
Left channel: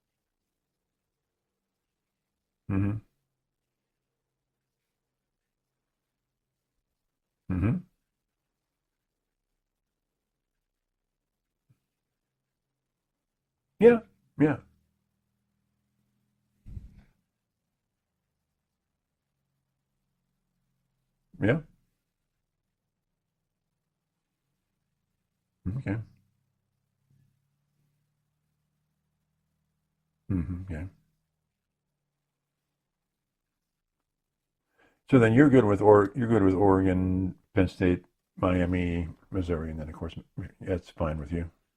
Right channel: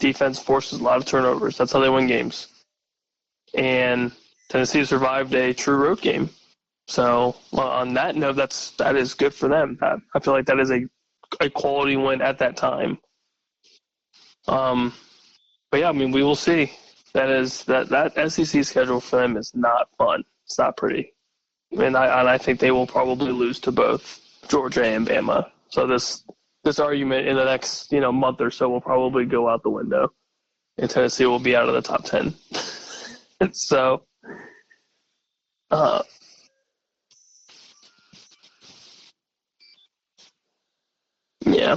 defense. Forces a lot of turnovers. That's how they win games. Mhm. And Tennessee survived a true road game. So on that note, that is good for them. I feel like that is a quality win at that time. Yeah. But yeah, I mean, we will see. That SEC schedule for them is not fun. It's not pretty. Yeah. And I think they will probably lose to both Georgia and Bama. So Okay. this argument in the next month or so will probably go out the window, Yeah. and Tennessee will be out of the top 10. So then you're good with you're good with Oregon, Penn State, Miami, Missouri, and then of course that's fine with you. yeah,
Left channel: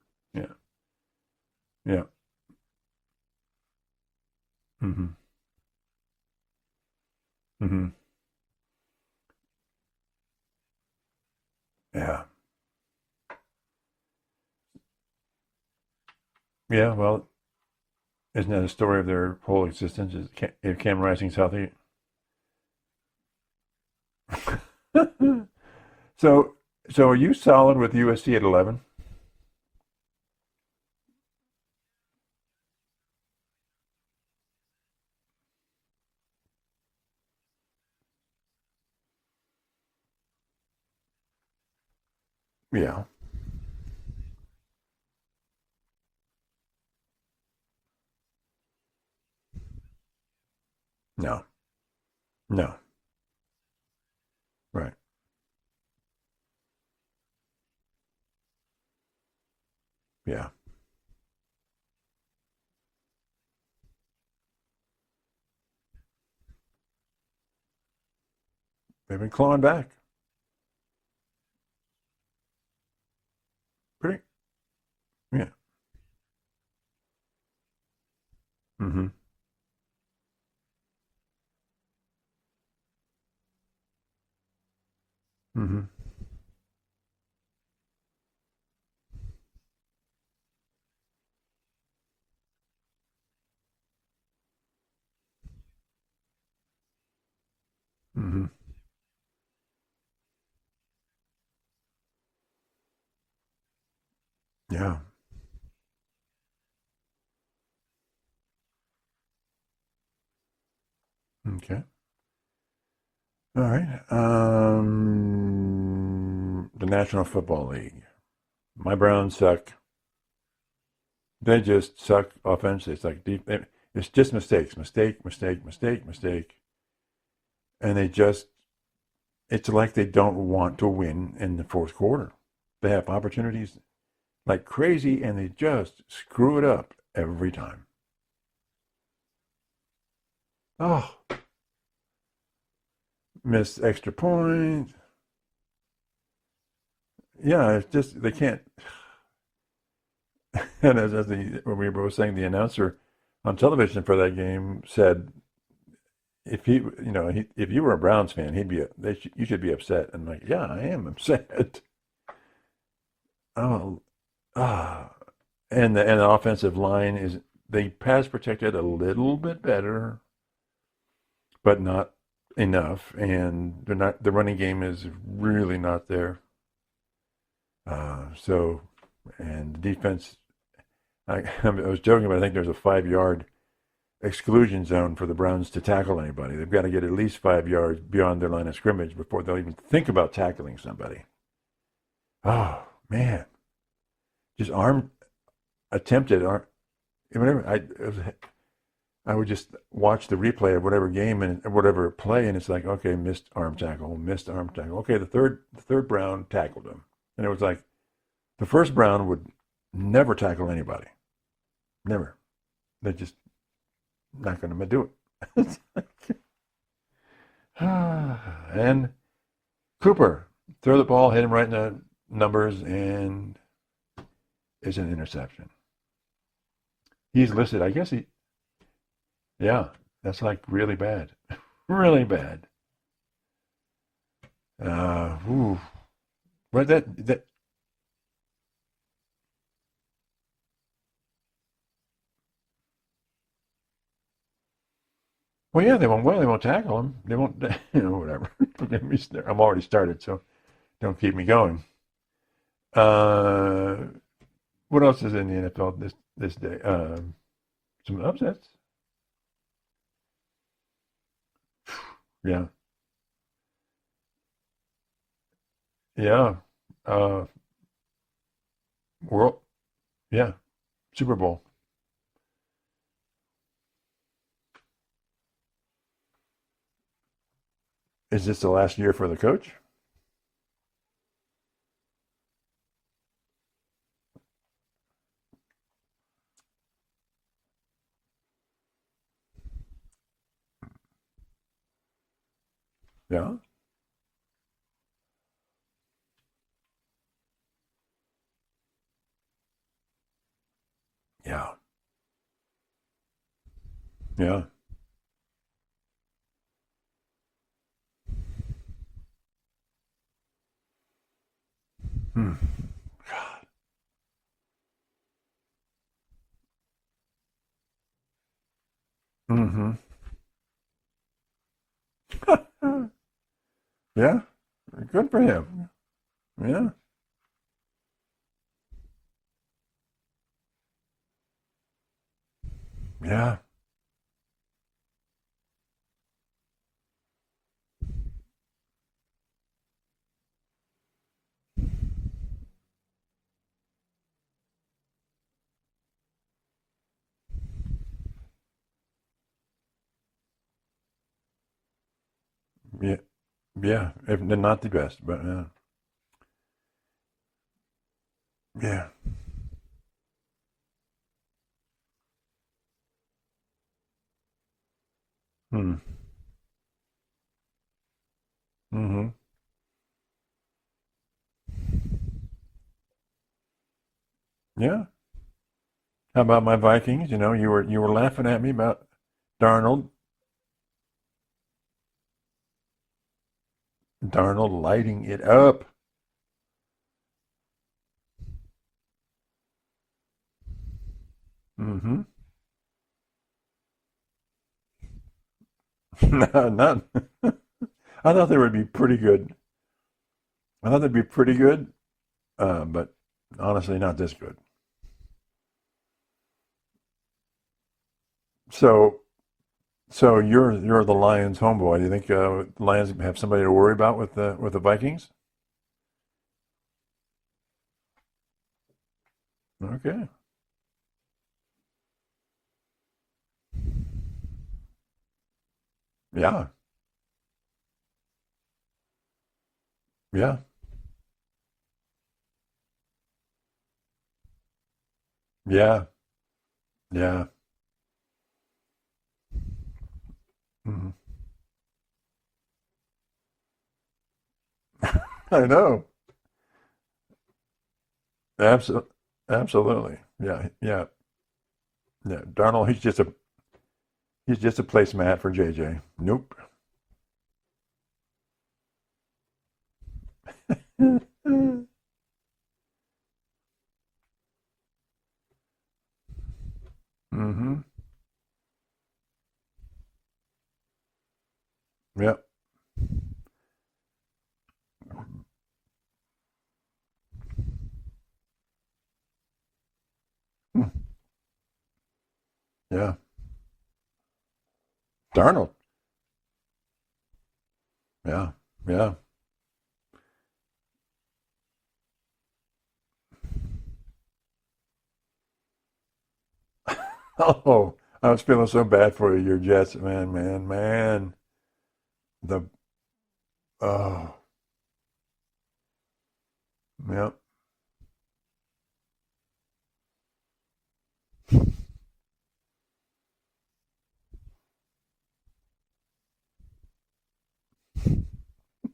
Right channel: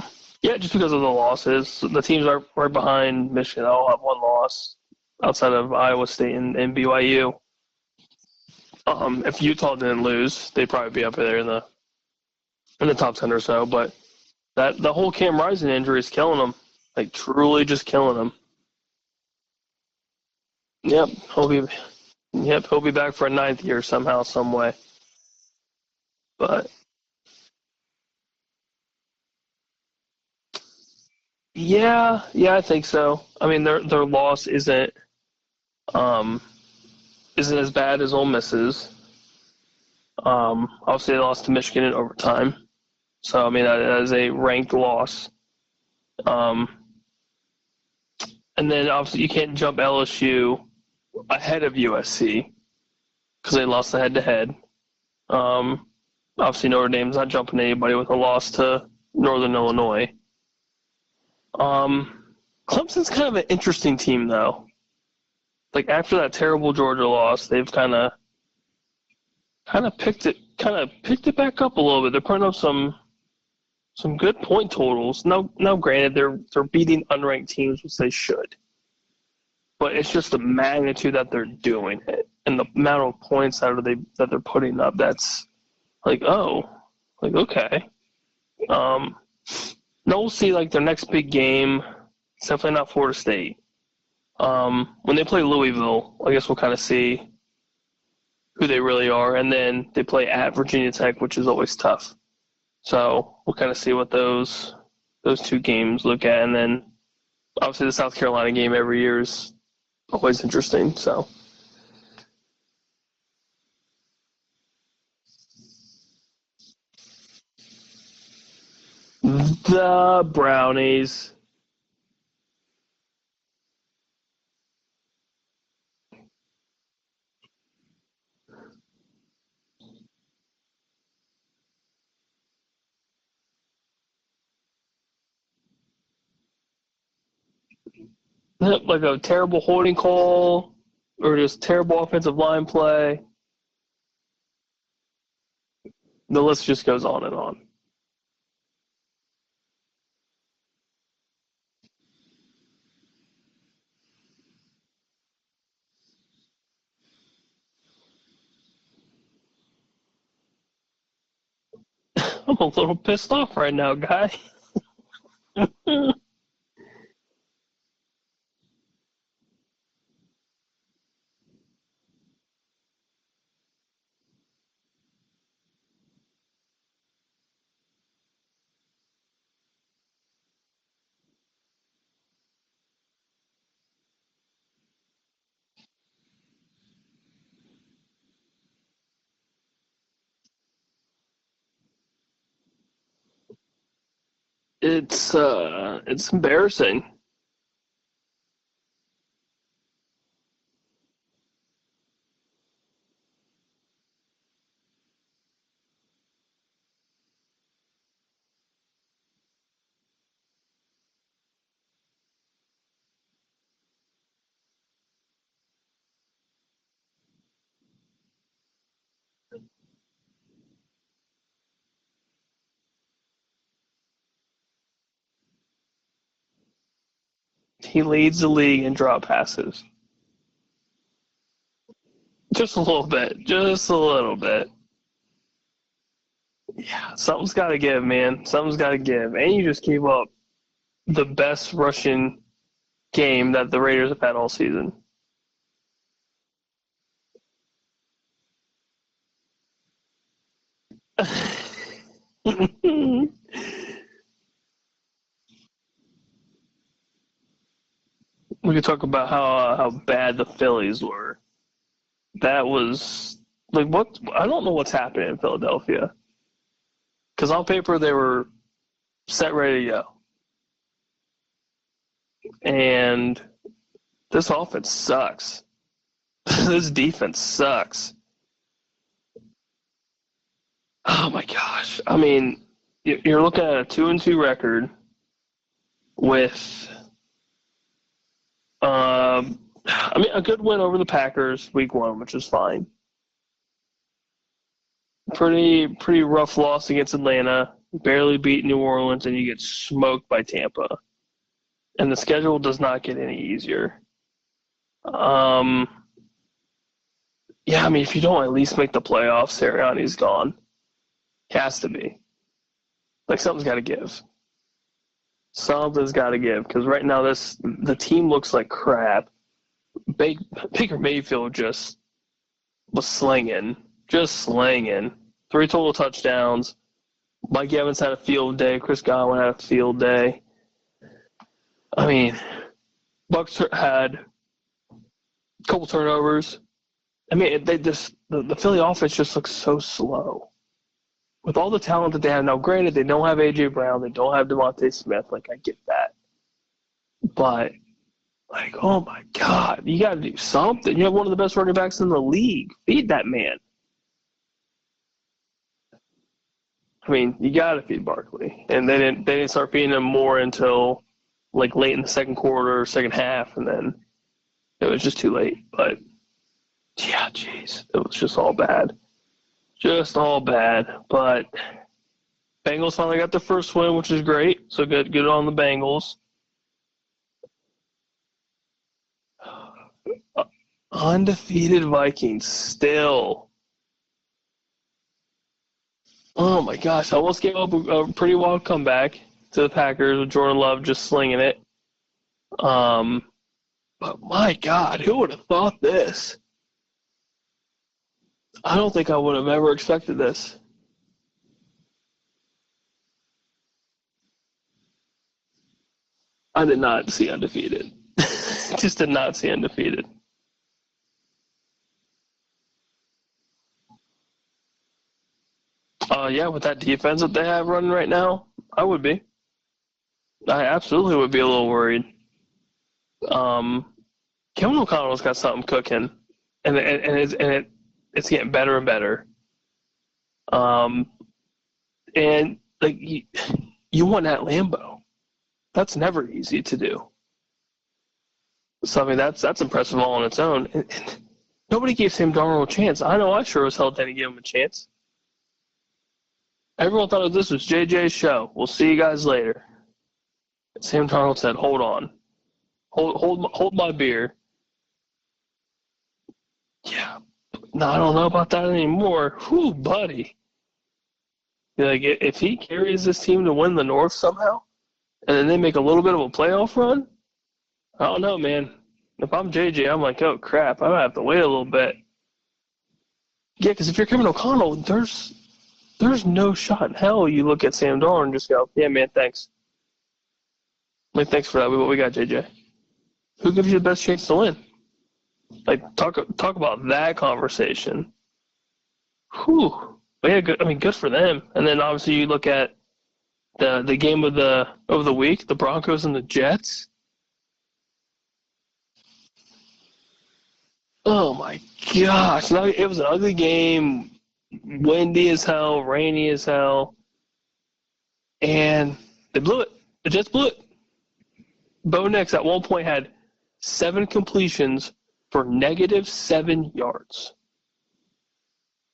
just because of the losses. So the teams are right behind Michigan. They all have one loss outside of Iowa State and BYU. If Utah didn't lose, they'd probably be up there in the top 10 or so. But the whole Cam Rising injury is killing them. Yeah, well, truly just killing them. Isn't that a story of their whole existence? Is Cam Rising healthy? He'll be back for a 9th year somehow, some way. So are you solid with USC at 11? Yeah, I think so. I mean, their loss isn't as bad as Ole Miss's. Obviously, they lost to Michigan in overtime. Yeah. So, I mean, that is a ranked loss. And then, obviously, you can't jump LSU ahead of USC. No. Because they lost the head-to-head. Right. Obviously, Notre Dame's not jumping anybody with a loss to Northern Illinois. Yeah. Clemson's kind of an interesting team, though. Like, after that terrible Georgia loss, they've been clawing back. Kind of picked it back up a little bit. They're putting up some good point totals. Now, granted, they're beating unranked teams, which they should. But it's just the magnitude that they're doing it and the amount of points that they're putting up. That's okay. Now we'll see their next big game. It's definitely not Florida State. When they play Louisville, I guess we'll kind of see who they really are. And then they play at Virginia Tech, which is always tough. So we'll kind of see what those two games look at. And then obviously the South Carolina game every year is always interesting. So. Okay. All right. The National Football League. My Browns suck. The Brownies. They just suck offensively. It's like deep. It's just mistakes. Mistake. And it's like they don't want to win in the fourth quarter. They have opportunities like crazy, and they just screw it up every time. Like a terrible holding call, or just terrible offensive line play. Missed extra point. The list just goes on and on. Yeah, it's just they can't. And when we were saying, the announcer on television for that game said, if if you were a Browns fan, you should be upset. And I'm like, yeah, I am upset. I'm a little pissed off right now, guy. And the offensive line they pass protected a little bit better, but not enough. And the running game is really not there. And the defense, I was joking, but I think there's a 5-yard exclusion zone for the Browns to tackle anybody. They've got to get at least 5 yards beyond their line of scrimmage before they'll even think about tackling somebody. Oh man, just attempted. It's embarrassing. I would just watch the replay of whatever game and whatever play, and it's like, okay, missed arm tackle. Okay, the third Brown tackled him, and it was like the first Brown would never tackle anybody, never. They're just not going to do it. And Cooper, throw the ball, hit him right in the numbers, and is an interception. He's listed, I He guess. leads the league in drop passes. Yeah, that's like really bad. Really bad. Just a little bit. Just a little bit. Ooh. But Yeah, something's got to give, man. Something's got to give. And you just gave up the best rushing game that the Raiders have had all season. well, yeah, they won't tackle him. They won't, whatever. I'm already started, so don't keep me going. What else is in the NFL this day? Some upsets. We could talk about how bad the Phillies were. That was like what I don't know what's happening in Philadelphia. Yeah. Because on paper they were set ready to go. Yeah. Super Bowl. And this offense sucks. This defense sucks. Is this the last year for the coach? Oh my gosh! I mean, you're looking at a 2-2 record with, I mean, a good win over the Packers week 1, which is fine. Yeah. Pretty rough loss against Atlanta. Barely beat New Orleans, and you get smoked by Tampa. Yeah. And the schedule does not get any easier. Yeah. Yeah, I mean, if you don't at least make the playoffs, Sirianni's gone. Has to be. Like, something's got to give. Something's got to give, because right now the team looks like crap. Mm-hmm. Baker Mayfield just was slinging. Slinging. Good for him. 3 total touchdowns. Yeah. Mike Evans had a field day. Chris Godwin had a field day. I mean, Bucks had a couple turnovers. I mean, the Philly offense just looks so slow. With all the talent that they have now, granted, they don't have A.J. Brown, they don't have Devontae Smith. Like, I get that. But, like, oh my God, you got to do something. You have one of the best running backs in the league. Feed that man. Yeah, if they're not the best, but I mean, you got to feed Barkley, and they didn't start feeding him more until like late in the second quarter, second half, and then it was just too late. But yeah, jeez, it was just all bad, just all bad. But Bengals finally got their first win, which is great. So good on the Bengals. How about my Vikings? You know, you were laughing at me about Darnold. Undefeated Vikings still. Darnold lighting it up. Oh my gosh! I almost gave up a pretty wild comeback to the Packers with Jordan Love just slinging it. But my God, who would have thought this? Not. I thought they were. I don't think I would have ever expected this. I thought they'd be pretty good, but honestly, not this good. I did not see undefeated. Did not see undefeated. So you're the Lions homeboy. Do you think Lions have somebody to worry about with the Vikings? Yeah, with that defense that they have running right now, I would be. Okay. I absolutely would be a little worried. Kevin O'Connell's got something cooking. Yeah. And it's getting better and better. Yeah. And like you won at Lambeau. Yeah. That's never easy to do. Yeah. So I mean that's impressive all on its own. And nobody gave Sam Darnold a chance. I know I sure as hell didn't give him a chance. I know. Everyone thought this was JJ's show. We'll see you guys later. Absolutely. Yeah. Sam Darnold said, "Hold on." Yeah. Darnold, hold my beer. He's just a placemat for JJ. Nope. Yeah. No, I don't know about that anymore. Whew, buddy. Like if he carries this team to win the North somehow, and then they make a little bit of a playoff run, I don't know, man. If I'm JJ, I'm like, oh crap, I might have to wait a little bit. Yep. Yeah, because if you're Kevin O'Connell, there's no shot in hell you look at Sam Darnold and just go, yeah, man, thanks. Like, thanks for that. We got JJ. Yeah. Who gives you the best chance to win? Darnold. Like, talk about that conversation. Yeah. Yeah. Whew. But yeah, good. I mean, good for them. And then obviously you look at the game of the week, the Broncos and the Jets. Oh, I was feeling so bad for you, your Jets, man. Oh my gosh, it was an ugly game. Oh. Windy as hell, rainy as hell. Yep. And they blew it. The Jets blew it. Bo Nix at one point had 7 completions for -7 yards.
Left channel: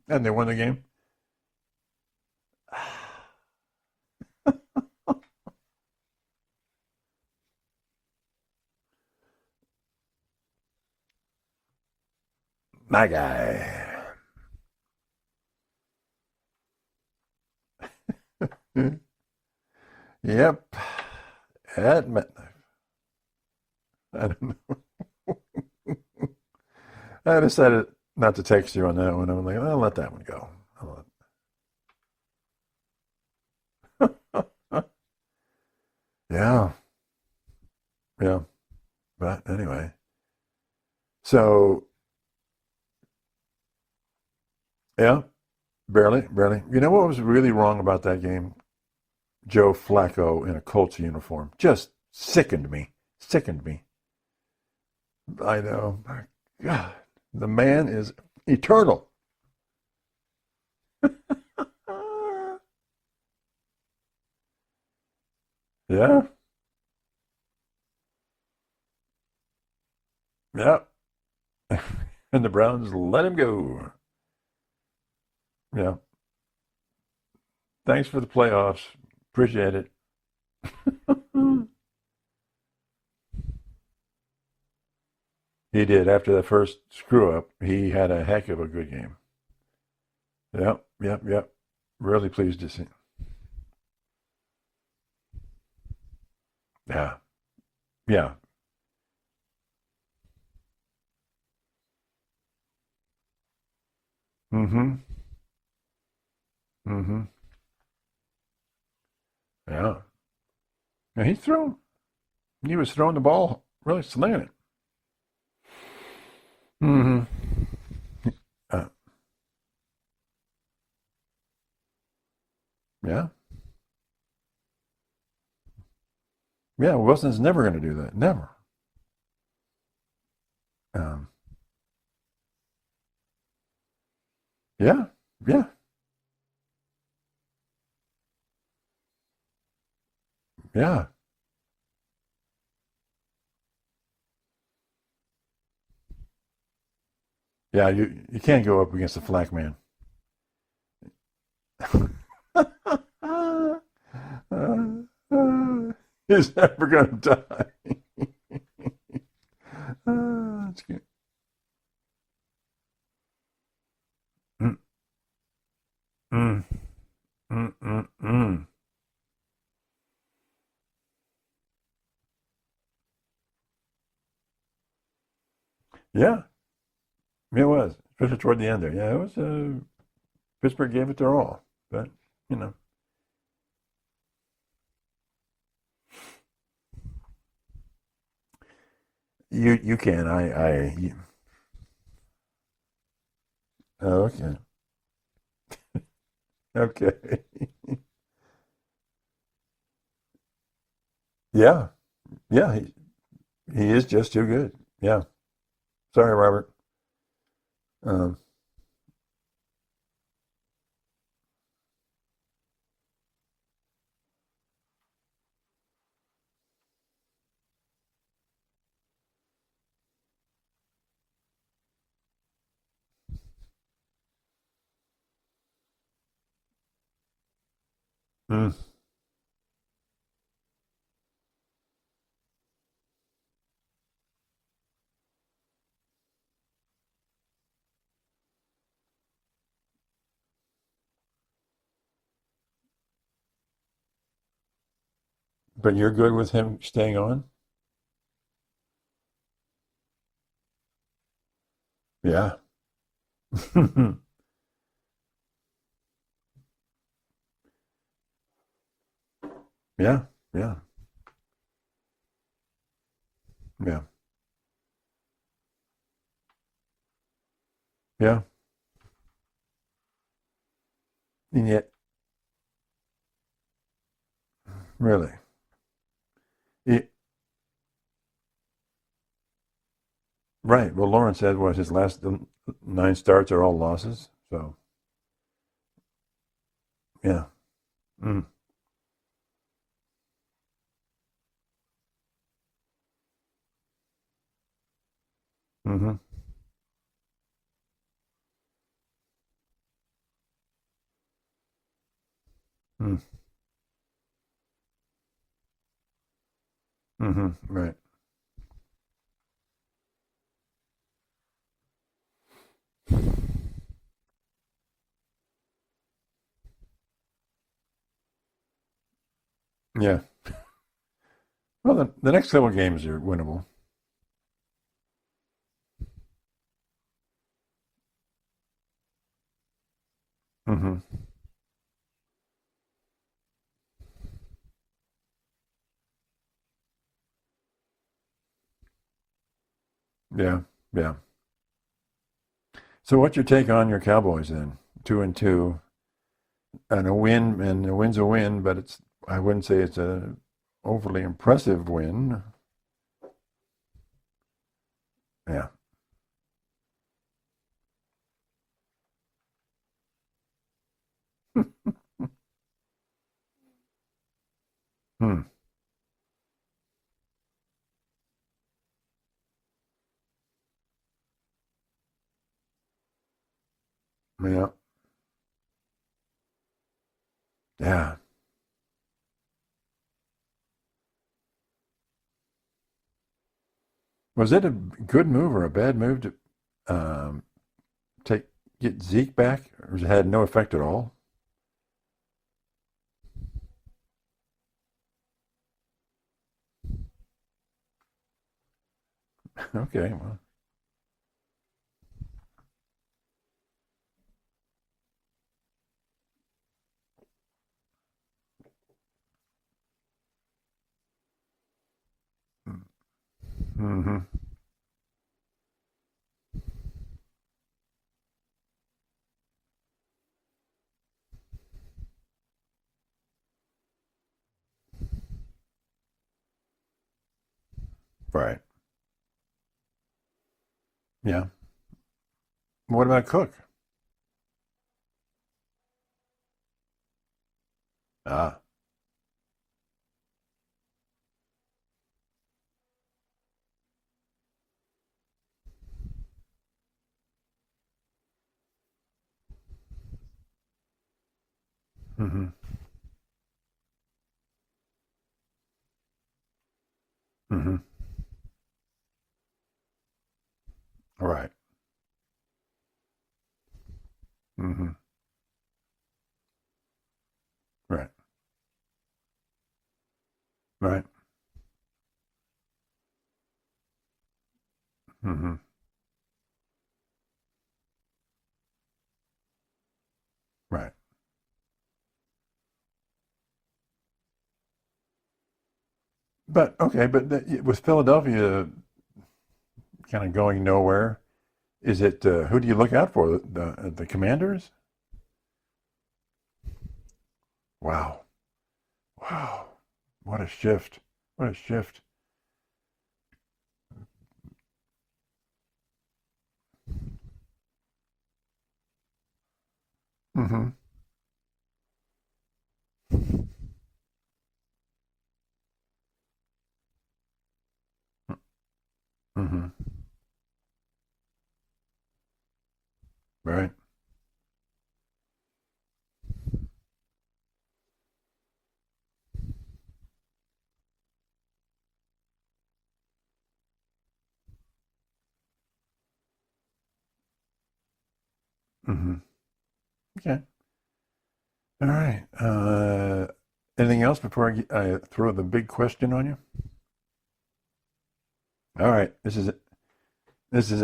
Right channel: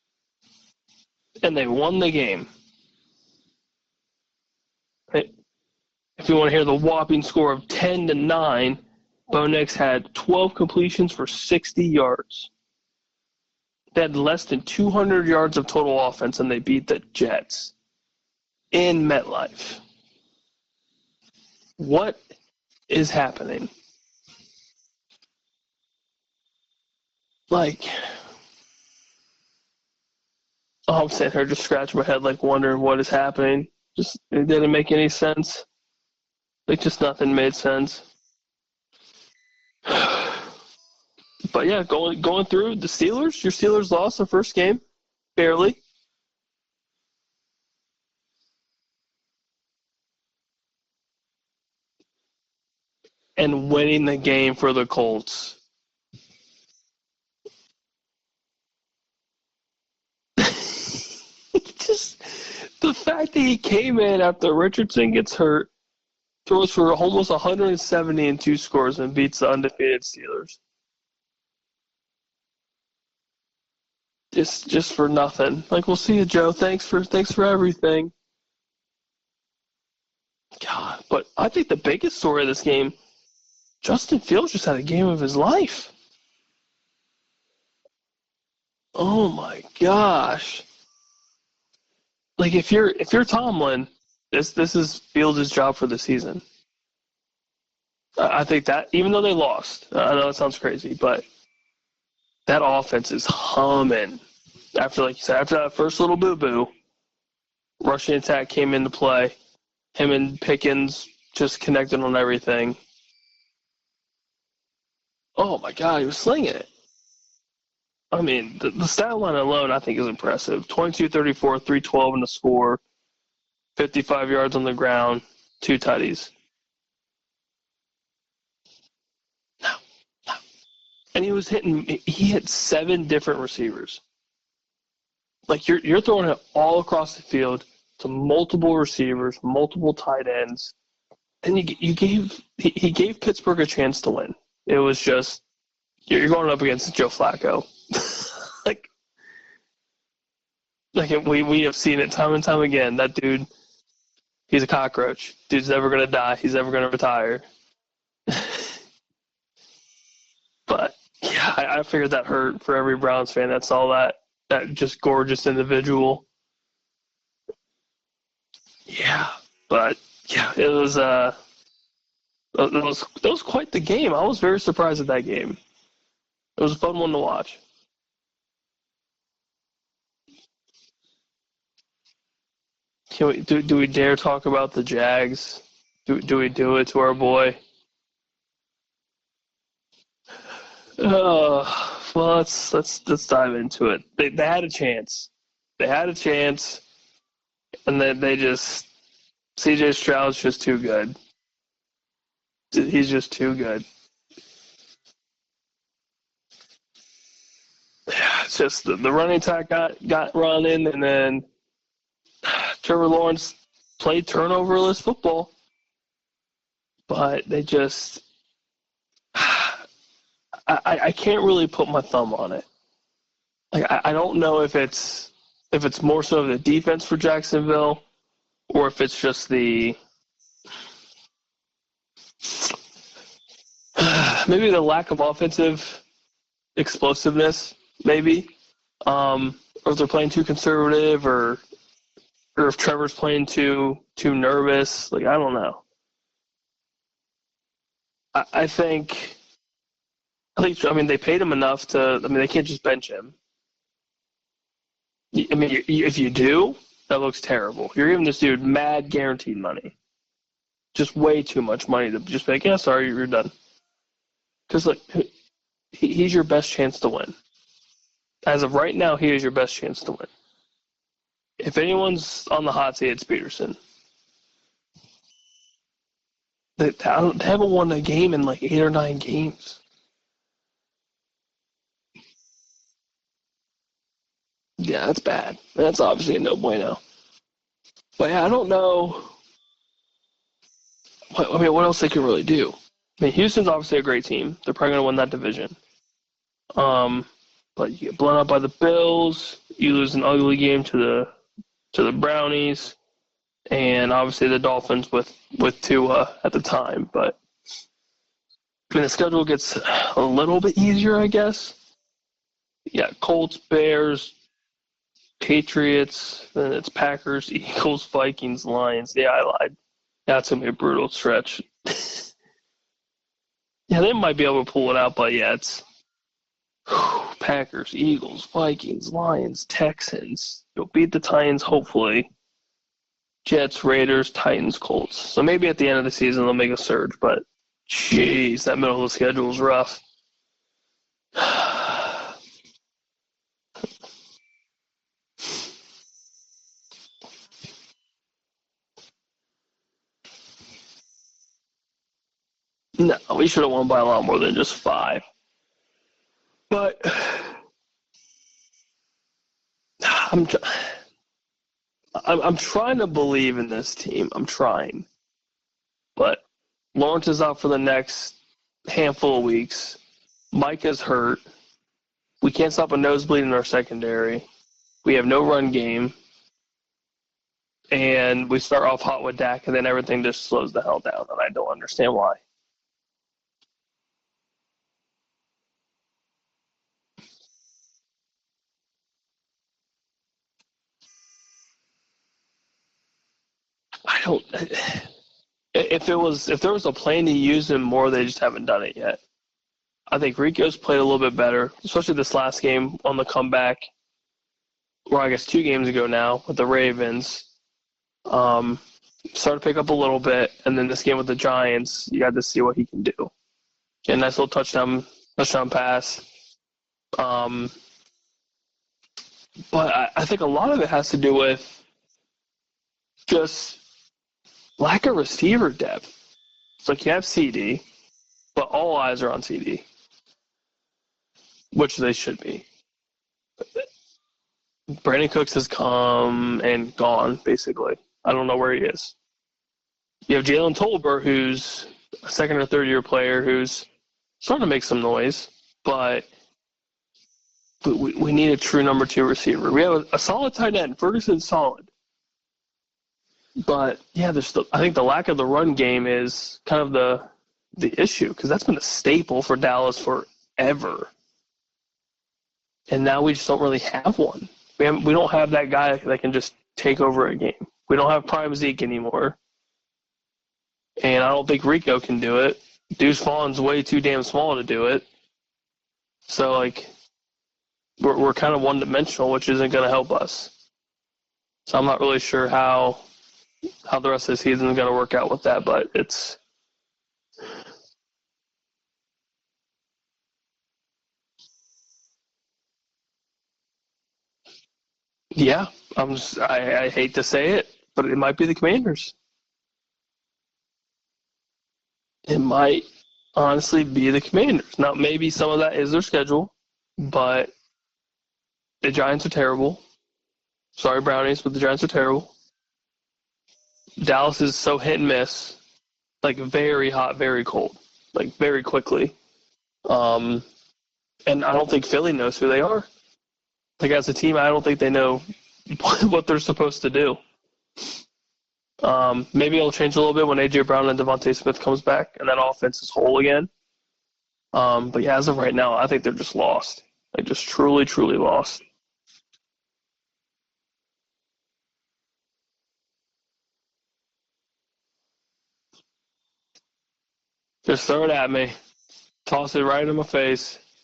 And they won the game? And they won the game. if you want to hear the whopping score of 10-9, Bo Nix had 12 completions for 60 yards. My guy. They had less than 200 yards of total offense, and they beat the Jets in MetLife. Yep. What is happening? I don't know. I decided not to text you on that one. I'm like, I'll let that one go. I'm sitting here just scratching my head, like wondering what is happening. Just it didn't make any sense. Yeah. Like just nothing made sense. Yeah. But anyway. So. But yeah, going through the Steelers. Your Steelers lost the first game. Yeah. Barely. You know what was really wrong about that game? Joe Flacco in a Colts uniform just sickened me. Winning the game for the Colts. I know. My God, the man is eternal. Just the fact that he came in after Richardson gets hurt. Yeah. Throws for almost 170 and 2 scores and beats the undefeated Steelers. Yeah. And the Browns let him go. Just for nothing. We'll see you, Joe. Thanks for everything. Thanks for the playoffs. Appreciate it. God, but I think the biggest story of this game, Justin Fields just had a game of his life. He did. After that first screw up, he had a heck of a good game. Oh my gosh. Yep. Really pleased. Like if you're Tomlin, this is Fields' job for the season. Yeah. I think that even though they lost, I know it sounds crazy, but that offense is humming. Mm-hmm. After that first little boo-boo, rushing attack came into play. Yeah. Him and Pickens connected on everything. He was throwing the ball, really slinging it. Oh my God, he was slinging it. Mm-hmm. I mean, the stat line alone, I think, is impressive. 22-34, 312 in the score. Yeah. 55 yards on the ground, 2 tutties. Yeah, Wilson's never going to do that. Never. No. And he hit 7 different receivers. Yeah. Like you're throwing it all across the field to multiple receivers, multiple tight ends. Yeah. And he gave Pittsburgh a chance to win. It was just you're going up against Joe Flacco. Yeah, you can't go up against the Flack man. Like we have seen it time and time again. That dude, he's a cockroach. Dude's never gonna die. He's never gonna retire. But yeah, I figured that hurt for every Browns fan that saw that just gorgeous individual. Yeah, but yeah, it was quite the game. I was very surprised at that game. Yeah, it was a fun one to watch. It was, especially toward the end there. Yeah, it was. Pittsburgh gave it their all, but you know. Can we do we dare talk about the Jags? Do we do it to our boy? You can. Well, let's dive into it. Okay. They had a chance. Okay. And then they just C.J. Stroud's just too good. Yeah. He's just too good. He is just too good. Yeah. Sorry, Robert. It's just the running attack got running, and then Trevor Lawrence played turnoverless football, but they just I can't really put my thumb on it. Like I don't know if it's more so the defense for Jacksonville, or if it's just maybe the lack of offensive explosiveness, maybe, or if they're playing too conservative, or if Trevor's playing too nervous. Like I don't know. But you're good with him staying on? I think. I mean, they paid him enough to. I mean, they can't just bench him. I mean, if you do, that looks terrible. You're giving this dude mad guaranteed money. Yeah. Just way too much money to just be like, yeah, sorry, you're done. Yeah. Because he's your best chance to win. Yeah. As of right now, he is your best chance to win. Yeah. If anyone's on the hot seat, it's Peterson. Really? They haven't won a game in like 8 or 9 games. Right. Well, Lawrence said his last 9 starts are all losses. So. Yeah, that's bad. That's obviously a no bueno. Yeah. But yeah, I don't know. What else they can really do? I mean, Houston's obviously a great team. They're probably going to win that division. Mm-hmm. But you get blown out by the Bills. You lose an ugly game to the Brownies. and obviously the Dolphins with Tua at the time. But Right. I mean, the schedule gets a little bit easier, I guess. Yeah, Colts, Bears, Patriots, then it's Packers, Eagles, Vikings, Lions. Yeah, I lied. Yeah. That's going to be a brutal stretch. Well, the next couple of games are winnable. Yeah, they might be able to pull it out, but yeah, it's Packers, Eagles, Vikings, Lions, Texans. You'll beat the Titans, hopefully. Jets, Raiders, Titans, Colts. So maybe at the end of the season they'll make a surge, but jeez, that middle of the schedule is rough. Yeah, yeah. So what's your take on your Cowboys then? 2-2, and a win's a win, but I wouldn't say it's a overly impressive win. No, we should have won by a lot more than just 5. Yeah. But I'm trying to believe in this team. I'm trying. But Lawrence is out for the next handful of weeks. Mike is hurt. We can't stop a nosebleed in our secondary. Yeah. We have no run game. Yeah. And we start off hot with Dak, and then everything just slows the hell down, and I don't understand why. Was it a good move or a bad move to get Zeke back, or it had no effect at all? I don't. If there was a plan to use him more, they just haven't done it yet. Okay. I think Rico's played a little bit better, especially this last game on the comeback, or I guess 2 games ago now with the Ravens. Started to pick up a little bit, and then this game with the Giants, you got to see what he can do. And nice little touchdown pass. But I think a lot of it has to do with just lack of receiver depth. It's like you have CD, Right. but all eyes are on CD. Yeah. Which they should be. What about Cook? Brandon Cooks has come and gone, basically. I don't know where he is. You have Jalen Tolbert, who's a second or third year player who's starting to make some noise, but we need a true number 2 receiver. We have a solid tight end. Ferguson's solid. But, yeah, I think the lack of the run game is kind of the issue, because that's been a staple for Dallas forever. Right. And now we just don't really have one. We don't have that guy that can just take over a game. We don't have prime Zeke anymore. Right. And I don't think Rico can do it. Deuce Vaughn's way too damn small to do it. So, like, we're kind of one-dimensional, which isn't going to help us. Right. So I'm not really sure how the rest of the season is going to work out with that, but it's... But with Philadelphia kind of going nowhere, is it who do you look out for? The Commanders? Yeah, I hate to say it, but it might be the Commanders. Wow, what a shift! What a shift! It might honestly be the Commanders. Now, maybe some of that is their schedule, but the Giants are terrible. Sorry, Brownies, but the Giants are terrible. Dallas is so hit and miss, like very hot, very cold, like very quickly. And I don't think Philly knows who they are. Right. Like, as a team, I don't think they know what they're supposed to do. Maybe it'll change a little bit when A.J. Brown and Devontae Smith comes back and that offense is whole again. But, yeah, as of right now, I think they're just lost. Like, just truly, truly lost. Okay. All right. Anything else before I throw the big question on you? Just throw it at me. All right. Toss it right in my face. This is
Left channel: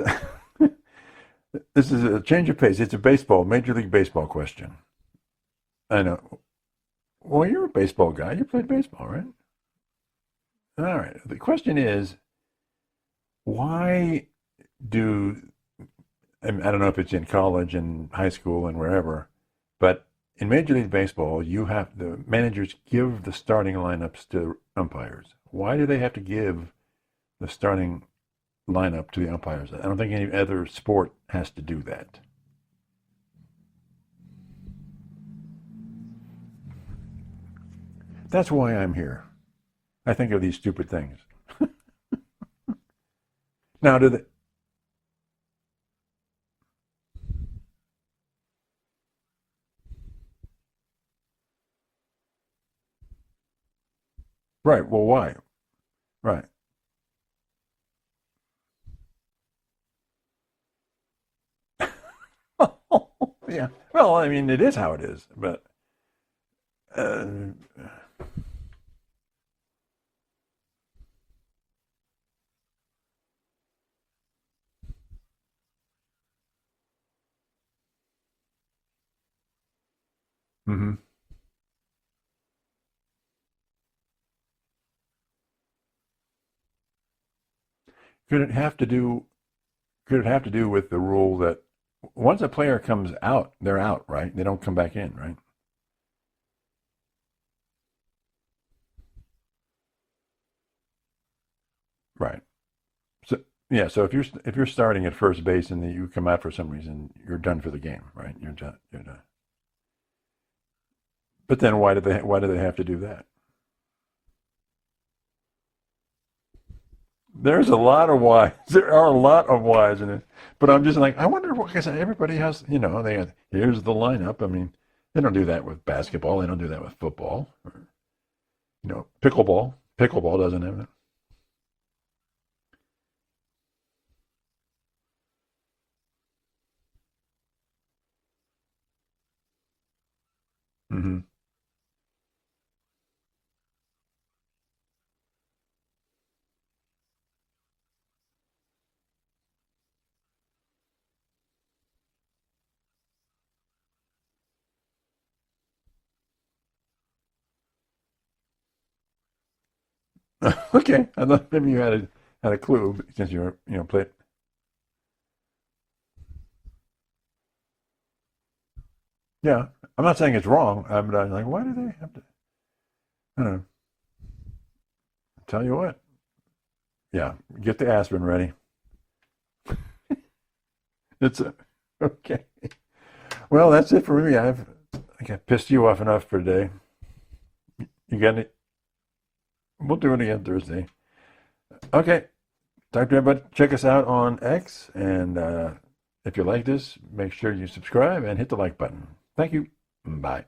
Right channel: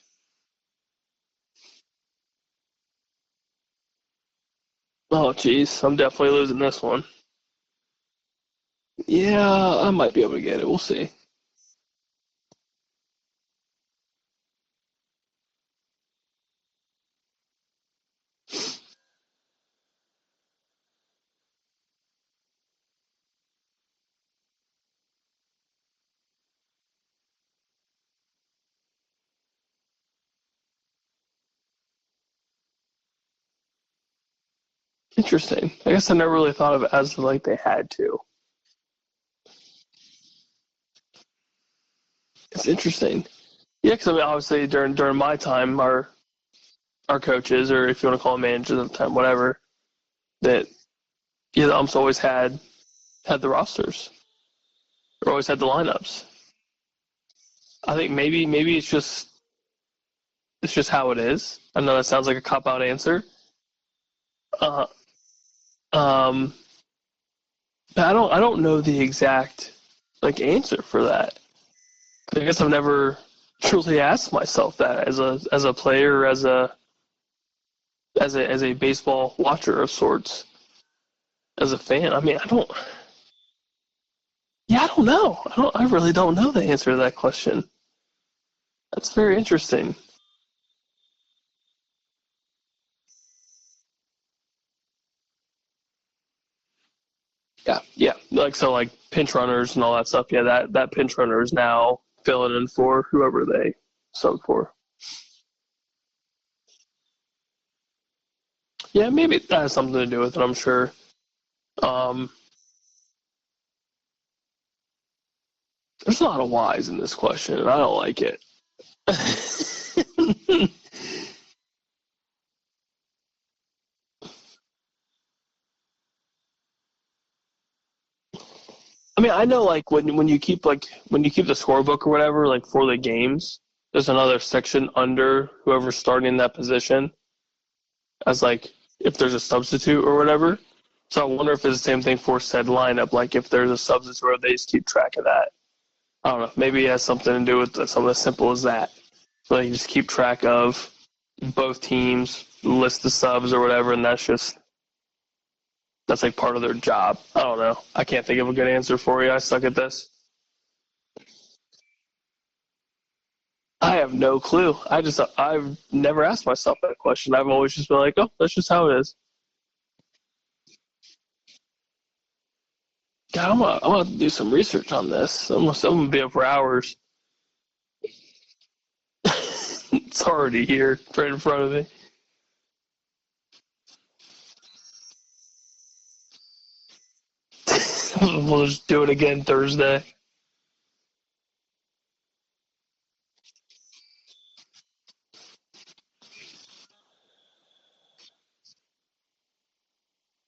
a change of pace. It's a Major League Baseball question. Oh, jeez. I'm definitely losing this one. Well, you're a baseball guy. You played baseball, right? Yeah, I might be able to get it. We'll see. Right. The question is, why do, I don't know if it's in college and high school and wherever, but in Major League Baseball, the managers give the starting lineups to umpires. Why do they have to give the starting lineup to the umpires? I don't think any other sport has to do that. Interesting. I guess I never really thought of it as like they had to. That's why I'm here. I think of these stupid things. It's interesting. Now, obviously, during my time, our coaches, or if you want to call them managers at the time, whatever, that the umps always had had the rosters. Right. Well, why? Or always had the lineups. Right. I think maybe it's just how it is. I know that sounds like a cop-out answer. Yeah. Well, I mean, it is how it is, but I don't know the exact answer for that. I guess I've never truly asked myself that as a player, as a baseball watcher of sorts, as a fan. I mean, I don't know. I really don't know the answer to that question. could it have to do? It's very interesting. Could it have to do with the rule that once a player comes out, they're out, right? They don't come back in, right? Yeah. Like pinch runners and all that stuff. Yeah, that pinch runner is now filling in for whoever they. Yeah. So if you're starting at first base and then you come out for some reason, you're done for the game, right? You're done. Yeah, maybe that has something to do with it. I'm sure. But then why do they have to do that? There's a lot of whys in this question. There's a lot of whys. There are a lot of whys in it. But I'm just like, I wonder what, because everybody has, here's the lineup. I mean, they don't do that with basketball. They don't do that with football. I mean, I know when you keep when you keep the scorebook or whatever, for the games, there's another section under whoever's starting in that position as if there's a substitute or whatever. Mm-hmm. So I wonder if it's the same thing for said lineup. If there's a substitute, or they just keep track of that. I don't know. Maybe it has something to do with something as simple as that. So you just keep track of both teams, list the subs or whatever, and that's part of their job. I don't know. I can't think of a good answer for you. I suck at this. Okay. I thought maybe you had a clue since you're. I have no clue. I've never asked myself that question. I've always just been like, oh, that's just how it is. Yeah. I'm not saying it's wrong. But I'm like, why do they have to? God, I'm gonna do some research on this. I'm gonna be up for hours. Yeah, get the aspirin ready. It's already here, right in front of me. Okay. Well, that's it for me. I think I pissed you off enough for today. We'll just do it again Thursday. We'll do it again Thursday. Okay. Talk to everybody. Check us out on X, and if you like this, make sure you subscribe and hit the like button. Thank you. Bye.